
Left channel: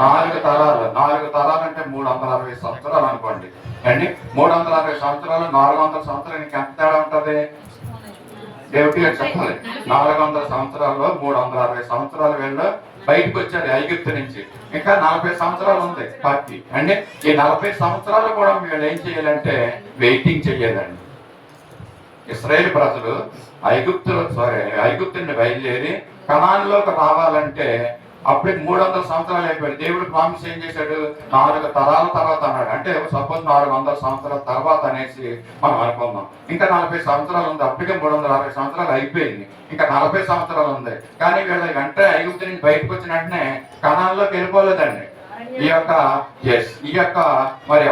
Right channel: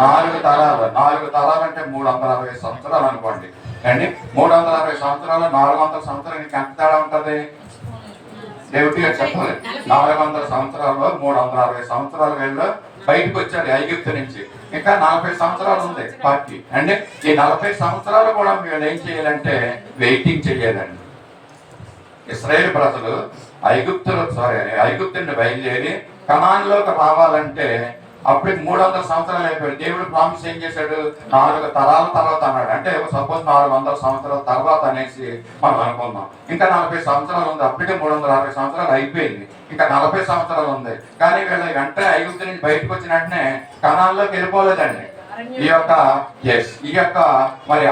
4 తరాలు. 4 తరాలు అంటే 360 సంవత్సరాలు అనుకోండి అండి. 360 సంవత్సరాలు 400 సంవత్సరాలు ఎంత తేడా ఉంటుంది దేవుడిగా చెప్పాలి. 400 సంవత్సరాల్లో 360 సంవత్సరాలు వీళ్ళు బయటకు వచ్చారు ఐగుప్తు నుంచి. ఇంకా 40 సంవత్సరాలు ఉంది పార్టీ అండి. ఈ 40 సంవత్సరాలు కూడా వీళ్ళు ఏం చేయాలంటే వెయిటింగ్ చేయాలండి. ఇశ్రాయేలు ప్రజలు ఐగుప్తు నుండి బయలుదేరి కనాన్లోకి రావాలంటే అప్పటికి 300 సంవత్సరాలు అయిపోయాడు. దేవుడు ప్రామిస్ ఏం చేశాడు, 4 తరాల తర్వాత అన్నాడు. అంటే సపోజ్ 400 సంవత్సరాల తర్వాత అనేసి మనం అనుకుందాం. ఇంకా 40 సంవత్సరాలు ఉంది. అప్పటికే 360 సంవత్సరాలు అయిపోయింది. ఇంకా 40 సంవత్సరాలు ఉంది. కానీ వీళ్ళ వెంటనే ఐగుప్తు నుంచి బయటకు వచ్చిన వెంటనే కనాన్లోకి వెళ్ళిపోలేదండి. ఈ యొక్క మరి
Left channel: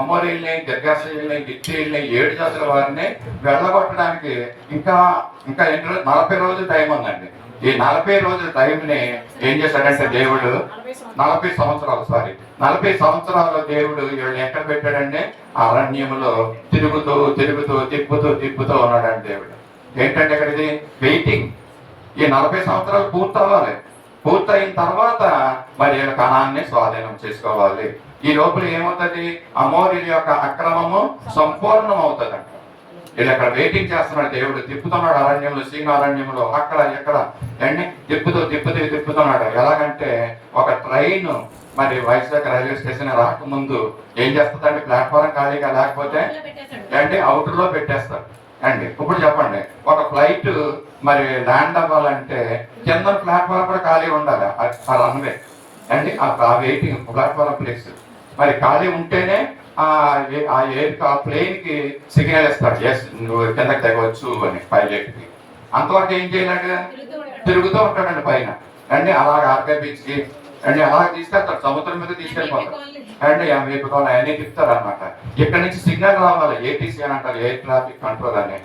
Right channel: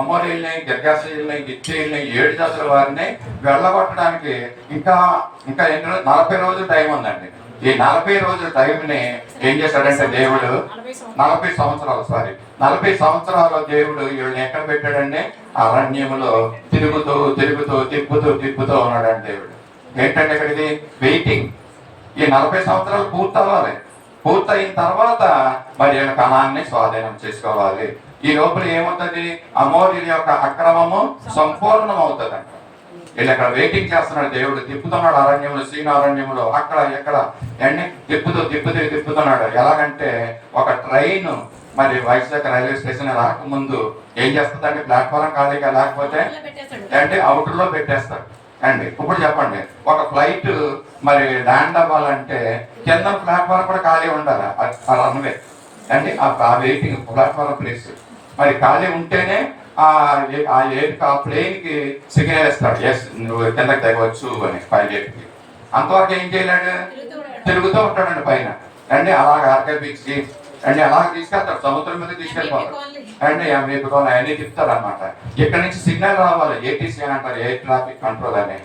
అమోరీల్ని, గిర్గాషీల్ని, గిత్తీల్ని, 7 జాతుల వారిని వెళ్ళగొట్టడానికి ఇంకా 40 రోజులు టైం ఉందండి. ఈ 40 రోజుల టైంని ఏం చేశాడంటే దేవుడు 40 సంవత్సరాలు దేవుడు వీళ్ళని ఎక్కడ పెట్టాడండి? అరణ్యములో తిప్పుతూ ఉన్నాడండి దేవుడు. ఏంటంటే ఇక్కడ ఇది వెయిటింగ్. ఈ 40 సంవత్సరాలు పూర్తవ్వాలి. పూర్తయిన తర్వాత మరి వీళ్ళ కణాన్ని స్వాధీనం చేసుకోవాలి. ఈ లోపల ఏమవుతుంది, అమోరీల యొక్క అక్రమము సంపూర్ణం అవుతుందంట. వీళ్ళు అక్కడ వెయిటింగ్ చేస్తున్నాడు. దేవుడు తిప్పుతున్నాడు అరణ్యంలో, సీను అరణ్యంలో, అక్కడ ఎక్కడ ఎండి తిప్పుతున్నాడు. ఎలాగంటే ఒక ట్రైన్ మరి వైజాగ్ రైల్వే స్టేషన్ రాకముందు ఏం చేస్తుందండి, ప్లాట్ఫారం ఖాళీగా లేకపోతే అంటే అవుట్లో పెట్టేస్తారు అండి. ఇప్పుడు చెప్పండి, ఒక ఫ్లైట్ మరి ల్యాండ్ అవ్వాలంటే కింద ప్లాట్ఫారం కూడా ఖాళీ ఉండాలి. ఆ రన్వే అండి, ఆ వెయిటింగ్ ప్లాట్ఫారం ప్లేస్ మరి ఖాళీ ఉంటేనే ఆ ప్లేన్ కి సిగ్నల్ ఇస్తాడు, ఎస్ నువ్వు కిందకి దిగవచ్చు అని పైలట్ కి. అంతవరకు ఏం చేయలేడు, తిరుగుతూ ఉంటాడండి పైన అండి. అలాగే ఆర్కే బీచ్ కి అండి అలాగే తీసుకెళ్తాడు, సముద్రం మీద తీసుకెళ్ళిపోతాడు అండి. మీపుకోవాలి అవన్నీ తిప్పుతాడు అనమాట. ఇక్కడ నుంచి సిగ్నల్ రావాలి, ఏటీసీ అని అంటారు, ఎయిర్ ట్రాఫిక్ కంట్రోల్ అని.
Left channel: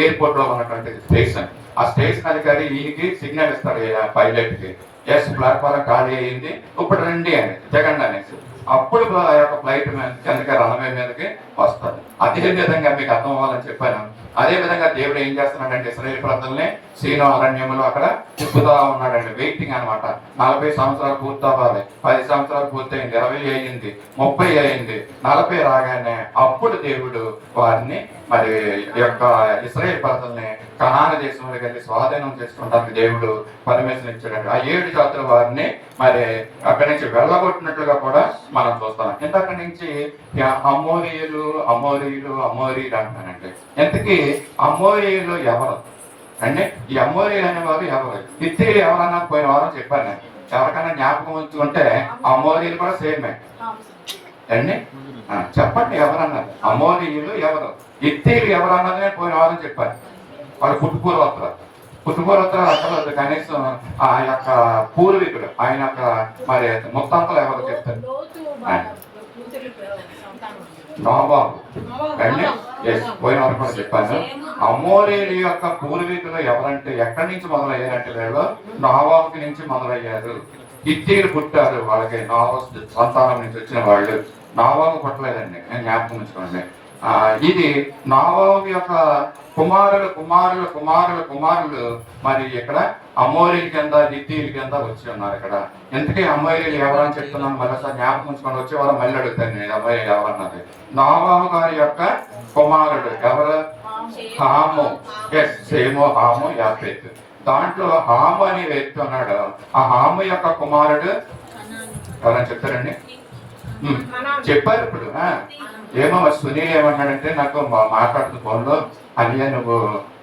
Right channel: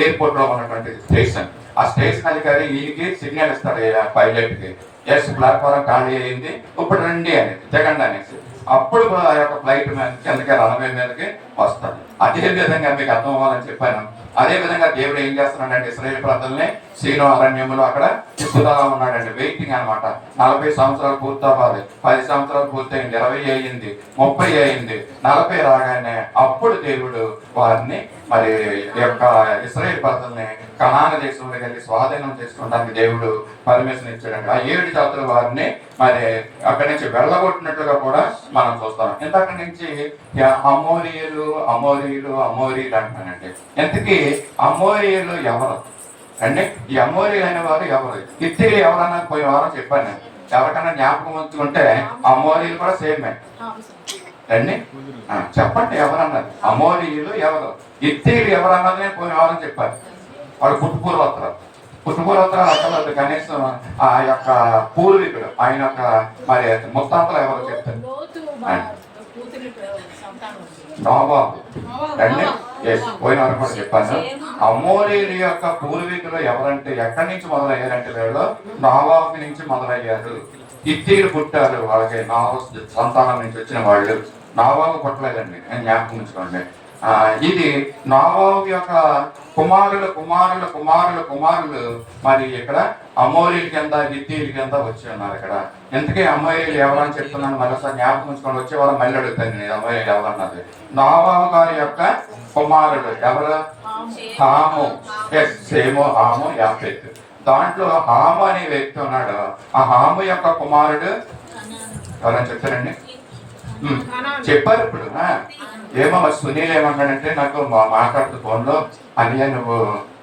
ఎయిర్పోర్ట్ లో ఉన్నటువంటి స్టేషన్, ఆ స్టేషన్ అధికారి ఈయనకి సిగ్నల్ ఇస్తాడు పైలట్ కి, ఎస్ ప్లాట్ఫారం ఖాళీ అయ్యింది, ఇప్పుడు రండి అని, దిగండి అనేసి. అప్పుడు ఆ యొక్క ఫ్లైట్ కిందకి రన్వే మీదకి వస్తుంది. అదే విధంగా మీకు అర్థం అవ్వాలని చెప్పాను. అదే విధంగా దేవుడు ఏం చేస్తున్నాడంటే ఇశ్రాయేలు ప్రజల్ని సీను అరణ్యంలో అక్కడ తిప్పుతా ఉన్నాడండి. వెయిటింగ్ అనమాట. 40 సంవత్సరాలు పూర్తవ్వాలి. 10 సంవత్సరాలు పూర్తయింది, 20 అయ్యింది, 30 అయింది, 40 రాగానే అప్పుడు దేవుడు వారిని మరి యొక్క ఇశ్రాయేలు ప్రజల్ని కనాను దేశంలోకి వెళ్ళి స్వాధీనం చేసుకోవడానికి దేవుడు పర్మిషన్ ఇచ్చాడండి. ఆ 7 జాతుల వారిని మరి అక్కడి నుంచి వెళ్ళగొట్టినట్లుగా కూడా మనం చూస్తాం. ఇంతక్కడి నుంచి అమోరీయులు అంటానండి. ఇంతకీ అమోరీయులు ఎవరు అంటే ఈ అమోరీయులు అనేవారు ఎవరు? హిత్తీయులు ఎవరన్నా పోయిన వారం చెప్పాను నేను. ఎవరికన్నా జ్ఞాపకం ఉంచుకుంటే అమోరీయులు కూడా సేమే అండి. చెప్పండి ఎవరన్నారు? అమోరీయులు ఎవరు, హిత్తీయులు ఎవరన్నది నేను పోయిన వారం చెప్పాను. వాళ్ళు పుట్టుపూర్వోత్తరాలు అక్కర్లేదు, కనీసం ఆ యొక్క పూర్వీకుడు ఆయన యొక్క మరి ముత్తాంతలు ఎవరో చెప్తారు. నాబాబు అండి, పోయిన వారు కూడా చెప్పాను. అమోరీల యొక్క పూర్వీకులు ఎవరంటే ఎక్కడి నుంచి మొదలయ్యారంటే వీళ్ళు నాబాబు నుంచి మొదలయ్యారు. హిత్తీయులు పుట్టారు, వాళ్ళకి నాబాబు సంతానం నుంచి వచ్చిన వాళ్ళు. నాబాబు పుట్టలేదండి, నేను జ్ఞాపకం ఉంచుకోండి. ఇది నాబాబు యొక్క కుమారులు మరి ఇక్కడ అమోరీల కింద, హిత్తీయుల కింద వచ్చి ఉన్నారు. ఇక్కడ ఇంతకీ అమోరీలు ఎవరని చెప్తున్నాను, మళ్ళీ సార్ జ్ఞాపకం ఉంచుకొని వచ్చే వాళ్ళు మళ్ళీ అడుగుతాను నేను అమోరీలు ఎవరన్నది. నాబాబు గారి యొక్క కుమారుడు ఎవరు? హాము. సేము, హాము, యాఫెతు. దాంట్లో హాము అనే వ్యక్తి ఉన్నాడు. ఆ హాము యొక్క కుమారుడు ఎవరని చెప్తారండి? చెప్పారు ఇప్పుడు. ఏమో మరి సునీల్ ఏమన్నాడంటే నాకు మాట్లాడుతూ ఫోన్లో, అన్నయ్య నువ్వు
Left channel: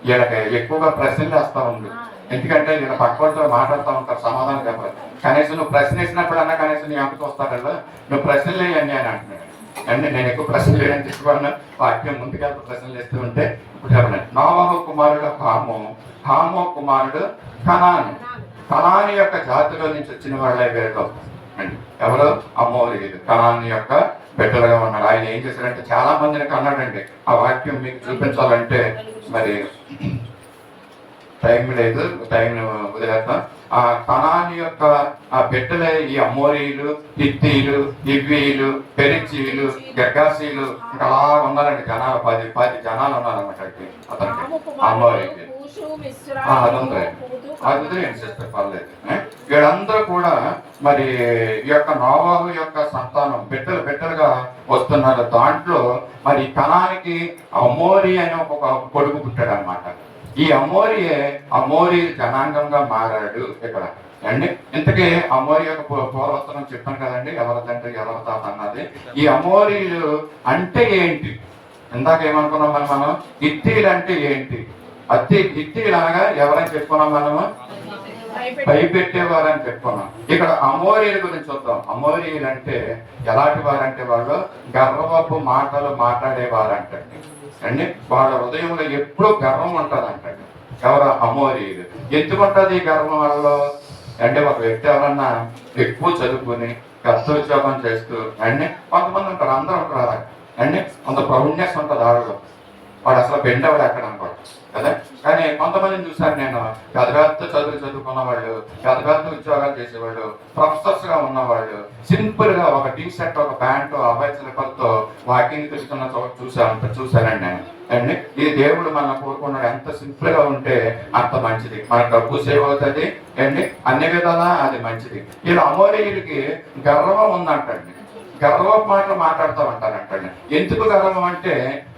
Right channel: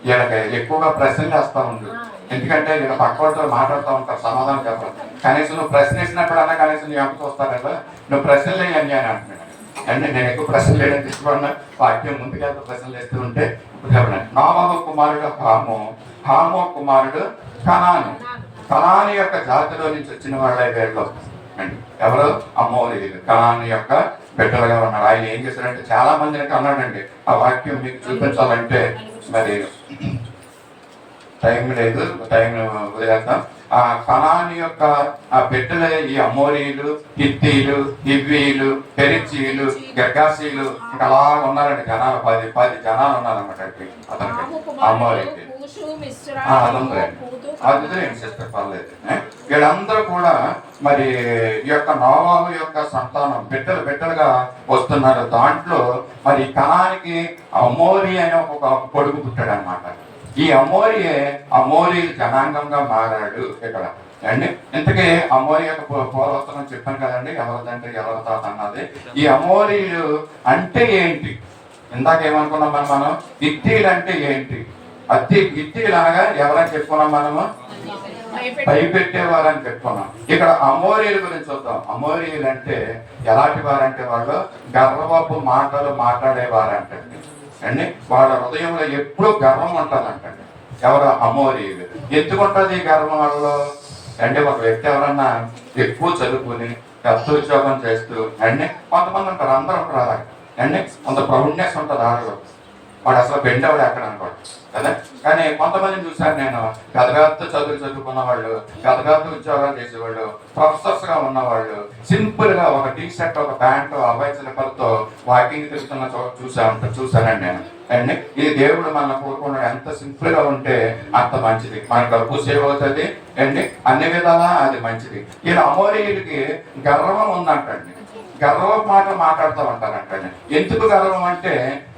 వీళ్ళకి ఎక్కువగా ప్రశ్నలు వేస్తా ఉండు, ఎందుకంటే వీళ్ళ పక్కతో మాట్లాడుతూ ఉంటారు, సమాధానం చెప్పాలి. కనీసం నువ్వు ప్రశ్న వేసినప్పుడు అన్నా కనీసం నీ ఎంత చూస్తారల్లా, నువ్వు ప్రశ్నలు వేయండి అని అంటున్నాడు. అంటే నేను ఎక్కువ ప్రశ్నలు వేయడానికి తీసుకున్నా, వాక్యం ముందుకెళ్తా ప్రశ్నలు వేస్తూ ఉంటే ఇప్పుడు చెప్పండి. నాబాబు కుమారుడు హాము కుమారుడు కనాను యొక్క జాతిలో నుంచి వచ్చిన వాళ్ళే వేరు అండి. ఎవరు? అమోరీయులు, కనాను యొక్క బిడ్డలుగా ఉన్నారు. ఆయన ఏం చేశారంటే చాలా మందికి అన్నాడండి. ఆ వాక్యం మీకు చూపించాలంటే మరి టైం లేదు, టైం వదిలేస్తాం. ఆ కనాని యొక్క ఆ బిడ్డలే ఈ అమోరీలు, హిత్తీలు, హివ్వీలు, పెరిచీలు, గర్గాసీలు ఇంకా అలా ఉన్నారండి. జనాలు 10 జనాలు ఉన్నారన్నమాట అతనికి అమోరీకి. అదంతా అది సిస్టర్ పర్లేదు. వీళ్ళందరూ కూడా మరి ఈ యొక్క నోవాహు యొక్క సంతానం బిడ్డలుగా వస్తున్నారు. దాంట్లో మరి కనానికి అమోరీ అనే ఒక కొడుకు పుట్టాడు అనమాట. ఈ అమోరీ జనాంగంగా మారాడు ఇక్కడ అండి. ఇంతకీ అమోరీ యొక్క పూర్వోత్తరం చెప్పాను కదండి, ఎవరి తండ్రి ఎవరి తాత అన్నది. ఈ అమోరీలు అంటే ఏంటి? ఇందాక ఏమనుకున్నాం మనం హిత్తీలు అంటే ఏంటి? హిత్తీలు అనగా ఎవరని చెప్పుకున్నాం మనము? భయపెట్టేవారని చెప్పుకున్నాం. ఇక్కడ అమోరీల గురించి చూద్దాం. అమోరీలు అంటే ఎలాంటి వారంటే వాళ్ళు గర్వపు మాటలు మాట్లాడేవారంటండి అండి. వాళ్ళ హృదయంలో ఎప్పుడూ గర్వం ఉంటుందంటండి. ఎవరు? అమోరీలు. ఎందుకుంటుంది ఈ గర్వం వాళ్ళలో అంటే ఒక వ్యక్తి ఎవరన్నా ఎక్కువ చదువుకుని పెద్ద ఉద్యోగం చేస్తూ అండి కొంతమంది ఉంటారు, అందరూ ఉంటారు అలా అండి. కొంత ప్రౌడ్నెస్ ఉంటుంది ఆడలో. వాడు అసలు బెండవాడు ఎక్కడ అనుకోడు కదా. కానీ కొంతమందిని చూసాను నేను, పెద్ద చదువుకున్న వాళ్ళు, పెద్ద ఉద్యోగాలు చేసేవాళ్ళు, ప్రొఫెసర్స్ గా ఉన్నవాళ్ళు సింపుల్ గా ఒక టీ షర్ట్, ఒక ప్యాంటు, అబ్బాయి చిలకలతో వాకింగ్ తిరుగుతున్న చూసానండి నేను అండి. ఈ దేవుడు మన కోరుకున్నాడు. ఎంత సింపుల్ గా ఉంటే అంత మంచిది. మన డబ్బు సేవ్ అవుతుంది అండి, అన్ని విధాలా అది మంచిది. ఇలా అమోరీయుడికి గర్వం ఉందంటండి. గర్వం మాటలు మాట్లాడుతూ ఉంటారంటండి. ఎందుకు గర్వం అంటే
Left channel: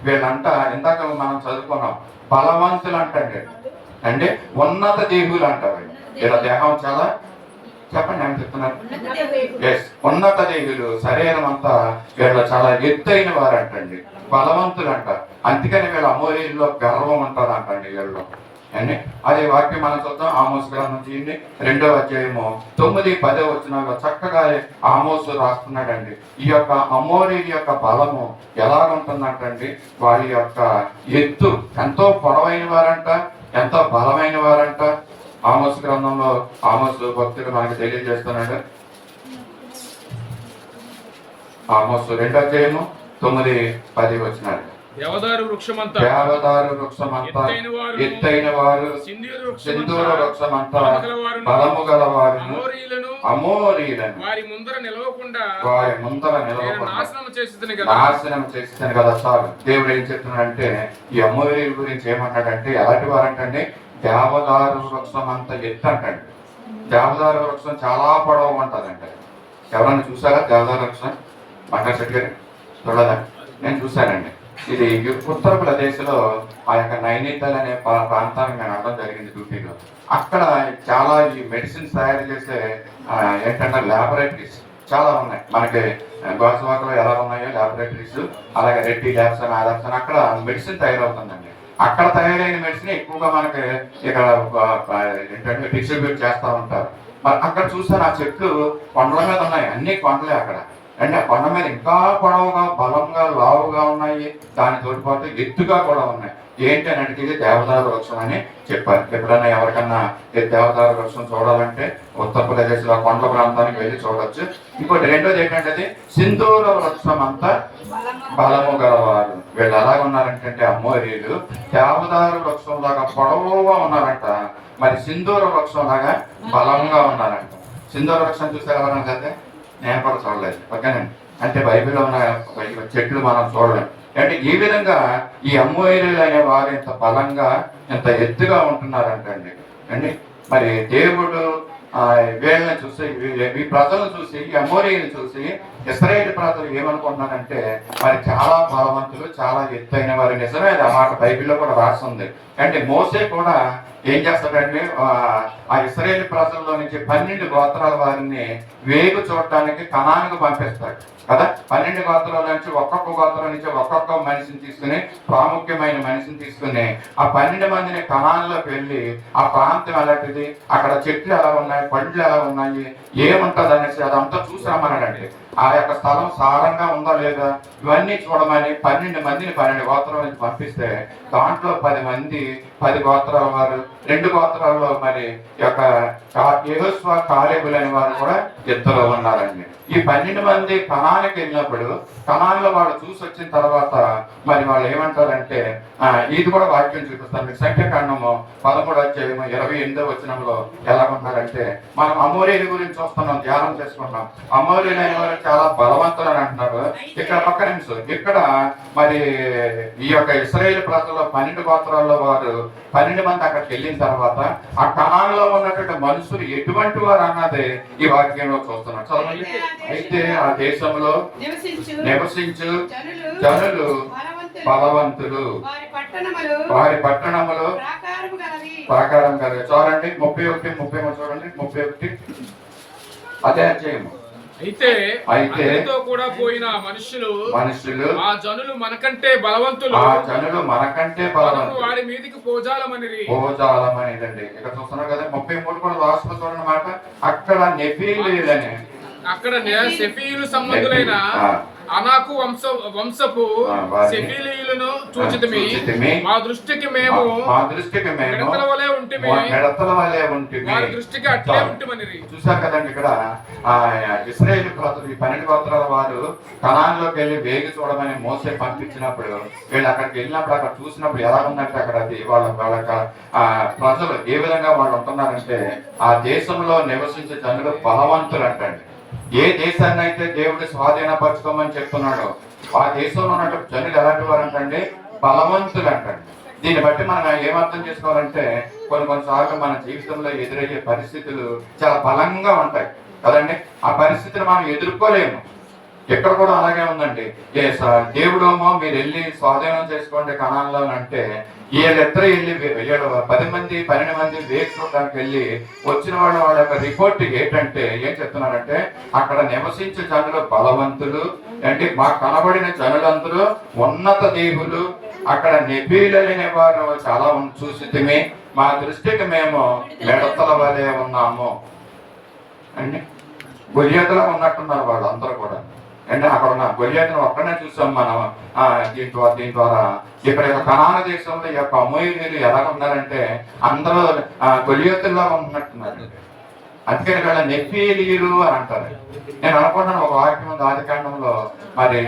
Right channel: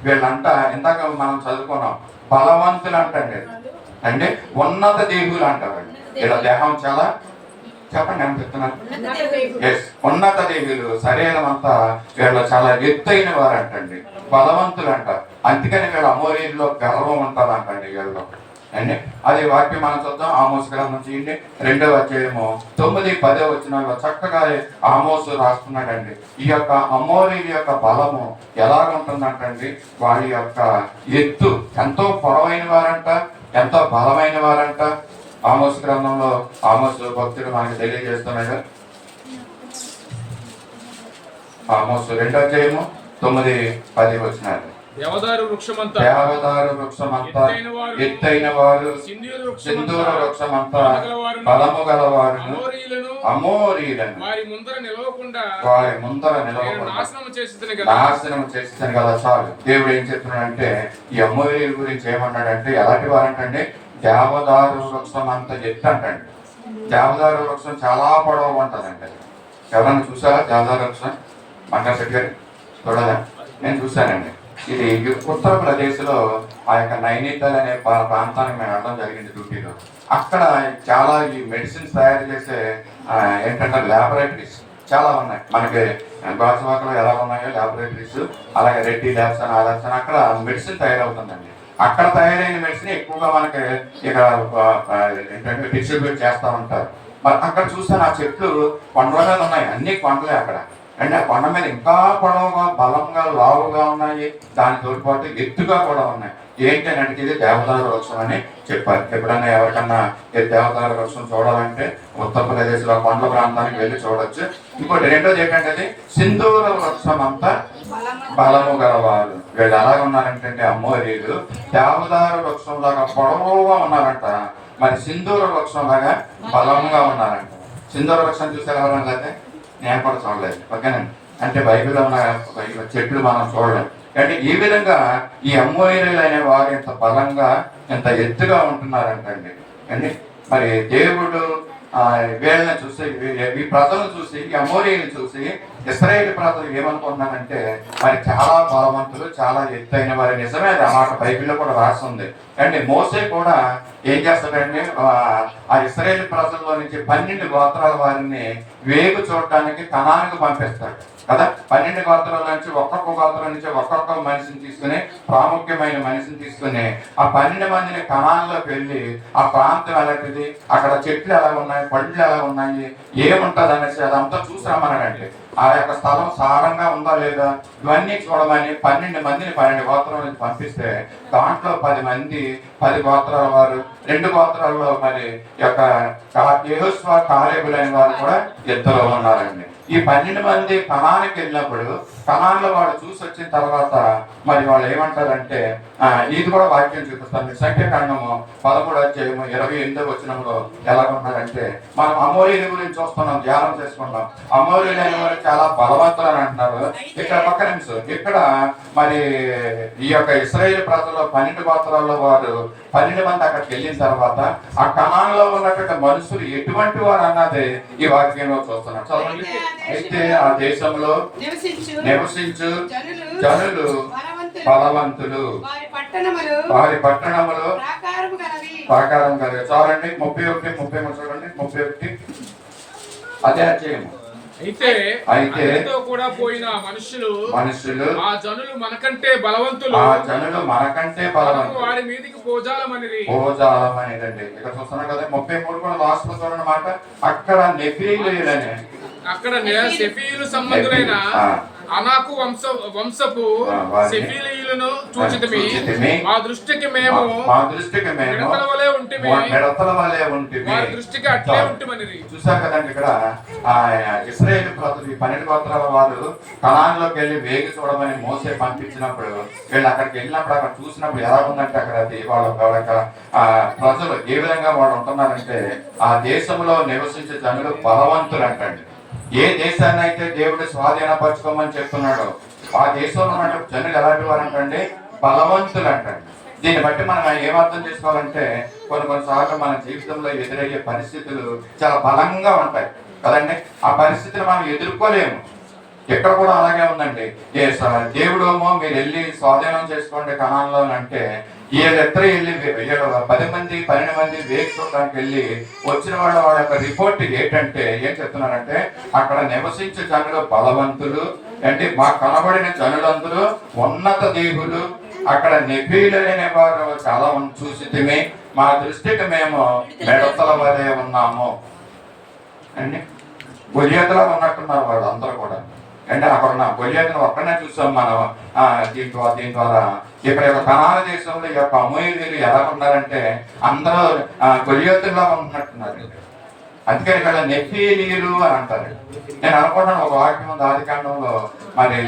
వీళ్ళంట ఇందాక మనం చదువుకున్నాం బలవంతులు అంటండి అంటే ఉన్నత దేహులు అంటారండి. ఇలా దేహం చాలా చెప్పండి ఏమని చెప్తున్నారు? ఎస్, ఉన్నత దేహులు. శరీరం అంతా వీళ్ళు చాలా ఎత్తైన వారు అంటండి, బలవంతులు అంట. అందుకని వీళ్ళ అమోరీల్లో గర్వం ఉంటారంటండి వీళ్ళు అండి. అది వాక్యం మనం చూద్దాం. ఆమోస్ గ్రంథం చేయండి 2వ అధ్యాయము 9-10 వచనాల్లో చక్కగా ఆమోసు రాస్తున్నాడండి. ఈ యొక్క అమోరీల యొక్క బలము ఎలా ఉంటుందంటండి, వారి యొక్క ఎత్తు ఎంతో పొడవైన వారంట, ఎంతో బలమైన వారంట. ఆమోస్ గ్రంథంలో ఆమోసు భక్తుడు మనకి తెలియజేస్తున్నాడు. ఆమోసు 2వ అధ్యాయము 9-10 వచనాలు. దేవదారు వృక్షమంతా ఎత్తైన వారు, సింధూర వృక్షమంతా బలము గలవారు, అమోరీలను వారి ముందర నిలవకుండా నాశనం చేసేదని కదా. చాలు. దేవుడు ఏం చెప్తున్నాడంటే ఈ అమోరీల గురించి ఏమన్నాడంటే ఎలాంటి వారంటండి, దేవదారు వృక్షం అంత ఎత్తు అంటండి. దేవదారు వృక్షం చాలా పొడవుగా ఉంటుందండి. ఎవరన్నా చూసారా దేవదారు వృక్షం? బంగారు శెట్టి గారు చూడాలా? నేను చూశానండి. ఇది ఉత్తరప్రదేశ్లో ఆ యొక్క నైనితాల్ అనే ప్రాంతానికి మేము వెళ్ళడం జరిగింది డ్యూటీలో. అక్కడ చాలా ఈ మెడిసిన్స్ తయారు చేసే ఏంటంటే ల్యాబొరేటరీస్ చాలా ఉన్నాయి. మనకి గాజువాకలో ఎలా ఉన్నాయో ల్యాబొరేటరీస్, అలాగే రెడ్డి ల్యాబ్స్ అని ఆధార్స్ అని అక్కడ మెడిసిన్ తయారవుతుందండి. అక్కడ తయారైన మెడిసిన్ ఎక్కువగా మనకి ఇక్కడ ఏంటంటే డిస్ట్రిబ్యూట్ చేస్తూ ఉంటారు. మరి అక్కడ చూసాను ఆ చెట్లు కొండల మీద ఉన్నాయి, అన్ని కొండలే అక్కడ అంటే. ఆ కొండ మీద ఇంకా పొడవుగా, బలంగా, లావుగా ఉన్నాయి. దానితో పాటు ఎత్తుగా కూడా ఉన్నాయి. ఏంటి అని అంటే ఇది దేవదారు వృక్షం అని చెప్పారు. ఎప్పుడన్నా ఎవరికన్నా దేవదారు వృక్షం చూడాలంటే ఉత్తరప్రదేశ్లో కొండల ప్రాంతానికి వెళ్ళి చూడొచ్చు. ఇంకోటి రెండోది ఏంటంటే అది సింధూర వృక్షం అంతా బలము గలవారు. వీళ్ళు ఎలాగ ఉన్నారంటే అమోరీలు దేవదారు వృక్షం లాగా పొడవుగా ఉన్నారంట, మరి సింధూర వృక్షం లాగా బలంగా ఉన్నారంట. సింధూర వృక్షం చూసారు ఎవరన్నా అయితే? నేను కూడా చూడలేదు. ఓకేనండి. అంటే బైబిల్లో ఉన్న చెట్లు మనం చూడలేము. అంటే ఈ విధంగా ఈ అమోరీలు అనే వారు ఇంత బలంగా, ఇంత ఎత్తుగా ఉంటున్నారంటండి అండి. మరి దేవుడు వీళ్ళని చూసి, ఈ ప్రజలను చూసి, ఈ అమోరీలను చూసి ఇశ్రాయేలు ప్రజలు ఏమనుకుంటున్నారంటే మరి చాలా బలవంతులు, చాలా ఎత్తైన వారు. నిజమే, ఆ మాట బైబిల్లో కూడా రాస్తుంది. అంటే మోసే కూడా ఏం చేస్తాడంటే ఆ ఇశ్రాయేలు ప్రజల్లో నుంచి 12 గోత్రాల వారిని వేగు చూడటానికి కనానికి పంపిస్తాడు కదా. 12 గోత్రాల నుంచి ఒక్కొక్క గోత్రం నుంచి ఒక్కొక్క మనిషిని తీసుకుని, ప్రాముఖ్యమైన మనిషిని తీసుకుని ఆ 12 మందిని కనాన్లోకి వెళ్ళి ఆ ప్రాంతం ఎలాంటిది, అక్కడ చెట్లు ఎలా ఉన్నాయి, పళ్ళు ఎలా ఉన్నాయి, ఏముంటుంది అనేసి అదంతా చూసి రమ్మన్నాడండి. ఆ యొక్క స్థలం సారంగా ఉందా లేదా ఇవన్నీ చూడమని 12 మందిని 12 గోత్రాల నుంచి పంపిస్తే దాంట్లో 10 మంది 10 గోత్రాల వారు, 2 గోత్రాల్లో మరి యొక్క యెహోషువ కాలేబులు అనే వారు కూడా ఇద్దరు ఉన్నారండి. ఈ 12 మంది కనానికి వెళ్ళినప్పుడు కనాన్లో వాళ్ళు చూసి వచ్చిన తర్వాత మరి వాళ్ళు ఏమంటారంటే ఇది కూడా వాక్యం చూపిస్తాను. మీరు సంఖ్యాకాండము 13వ అధ్యాయము 28వ వచనంలో ఎలాగున్నారంటే, మనం అమోరీల గురించి చూస్తున్నాం, ధ్యానం చేసుకుంటాం. అమోరీలైన వారు చాలా బలవంతులు అని అంటున్నారు. ఇక్కడ పక్క నిమిషం ఇక్కడ మరి ఈ యొక్క ఇశ్రాయేలు ప్రజల్లో 12 గోత్రాల్లో వారు 12 మంది అక్కడికి వెళ్ళిన తర్వాత ఆ కనాన్లో ఉన్నటువంటి మనుషులు ఎటువంటి వారు అన్నది ఈ వాక్యంలో చూస్తున్నాం. చదవండి. అయితే ఆ దేశంలో నివసించు జనులు బలవంతులు, వారి పట్టణములు ప్రాకారం కలిగి. చూడండి 31, 33 చూడండి. 31 అదే అధ్యాయము. అయితే అతనితో కూడా పోయిన మనుషులు ఆ జనులు మనకంటే బలవంతులు, వారి మీదకి పోజాలమనిరి. ఇక్కడ చూస్తున్నారు కదా 33 కూడా లాస్ట్ లో చూడండి మాట. అక్కడ నెఫీలీయులని, అక్కడ సెఫీలు సంబంధులైన అనాకు వంశపు సెఫీలీయులను చూచితిమి. మా దృష్టికి మేము మిడతల వలె ఉంటిమి, వారి దృష్టికి అట్లే ఉంటిమనిరి. చూసారు కదండి. ఇక్కడ ఇశ్రాయేలు ప్రజలు ఈ 12 గోత్రాల వారు కనాన్లోకి వెళ్ళి వేగి చూడమని మోసే పంపించినప్పుడు వీళ్ళు అక్కడికి వెళ్ళినప్పుడు అక్కడ చూసినప్పుడు ఎలా ఉందంటే అక్కడ అది వాళ్ళ ప్రజలు ఏ విధంగా వాళ్ళు ఉంటున్నారంటే ఆ దేశంలో నివసించే జనులు బలవంతులు అంటండి. ఏ దేశాన్ని అయితే దేవుడు స్వాధీనపరచుకోమని చెప్తున్నాడో ఆ దేశంలో ఉన్నటువంటి జనులు ఎలాంటి వారు అంటండి, బలవంతులు అంటండి. దీన్ని బట్టి మనం ఏమర్థం చేసుకోవాలంటే కొన్నిసార్లు మన జీవితంలో ఎదురయ్యే పరిస్థితులు చాలా బలంగా ఉంటాయి కదండి. ఆ పరిస్థితిని మనం ఎదుర్కోలేము. ఎక్కడ కూడా అలాగే ఉందండి. దేవుడేమో మీరు వెళ్ళి స్వాధీనం చేసుకోండి కనాన్లో అంటే వీళ్ళిద్దరూ వెళ్ళి 10 మంది 12 మంది వేగి చూడడానికి వెళ్ళి వచ్చిన వాళ్ళ యొక్క రిపోర్ట్ ఏంటంటే ఏం చెప్తున్నారంటే అక్కడ నివసించే జనులు బలవంతులు అంటే మాకు కనబడిన జనులందరూ ఉన్నత దేవులు, అక్కడ నెఫీలనే వారు చాలా చూసితిమి, మా దృష్టికి మేము మిడతల వలె ఉన్నాము అండి. గొలియాతులా ఉన్నట్టున్నారు వాళ్ళందరూ కూడా అంటే అక్కడ ఉన్న గొలియాతును ఒక్కడనే చూసాం మనం. దీని ద్వారా ఇక్కడ కనాన దేశంలో ఈ యొక్క అమోరీయులు ఎలా ఉన్నారంటే అందరూ గొలియాతుల్లా ఉన్నట్టున్నారు. అందుకని ఇక్కడ నెఫీలీయులు అని అంటారు. నేను అనుకుంటాను ఒక వాక్యం ఉంది ఆదికాండంలో, మరి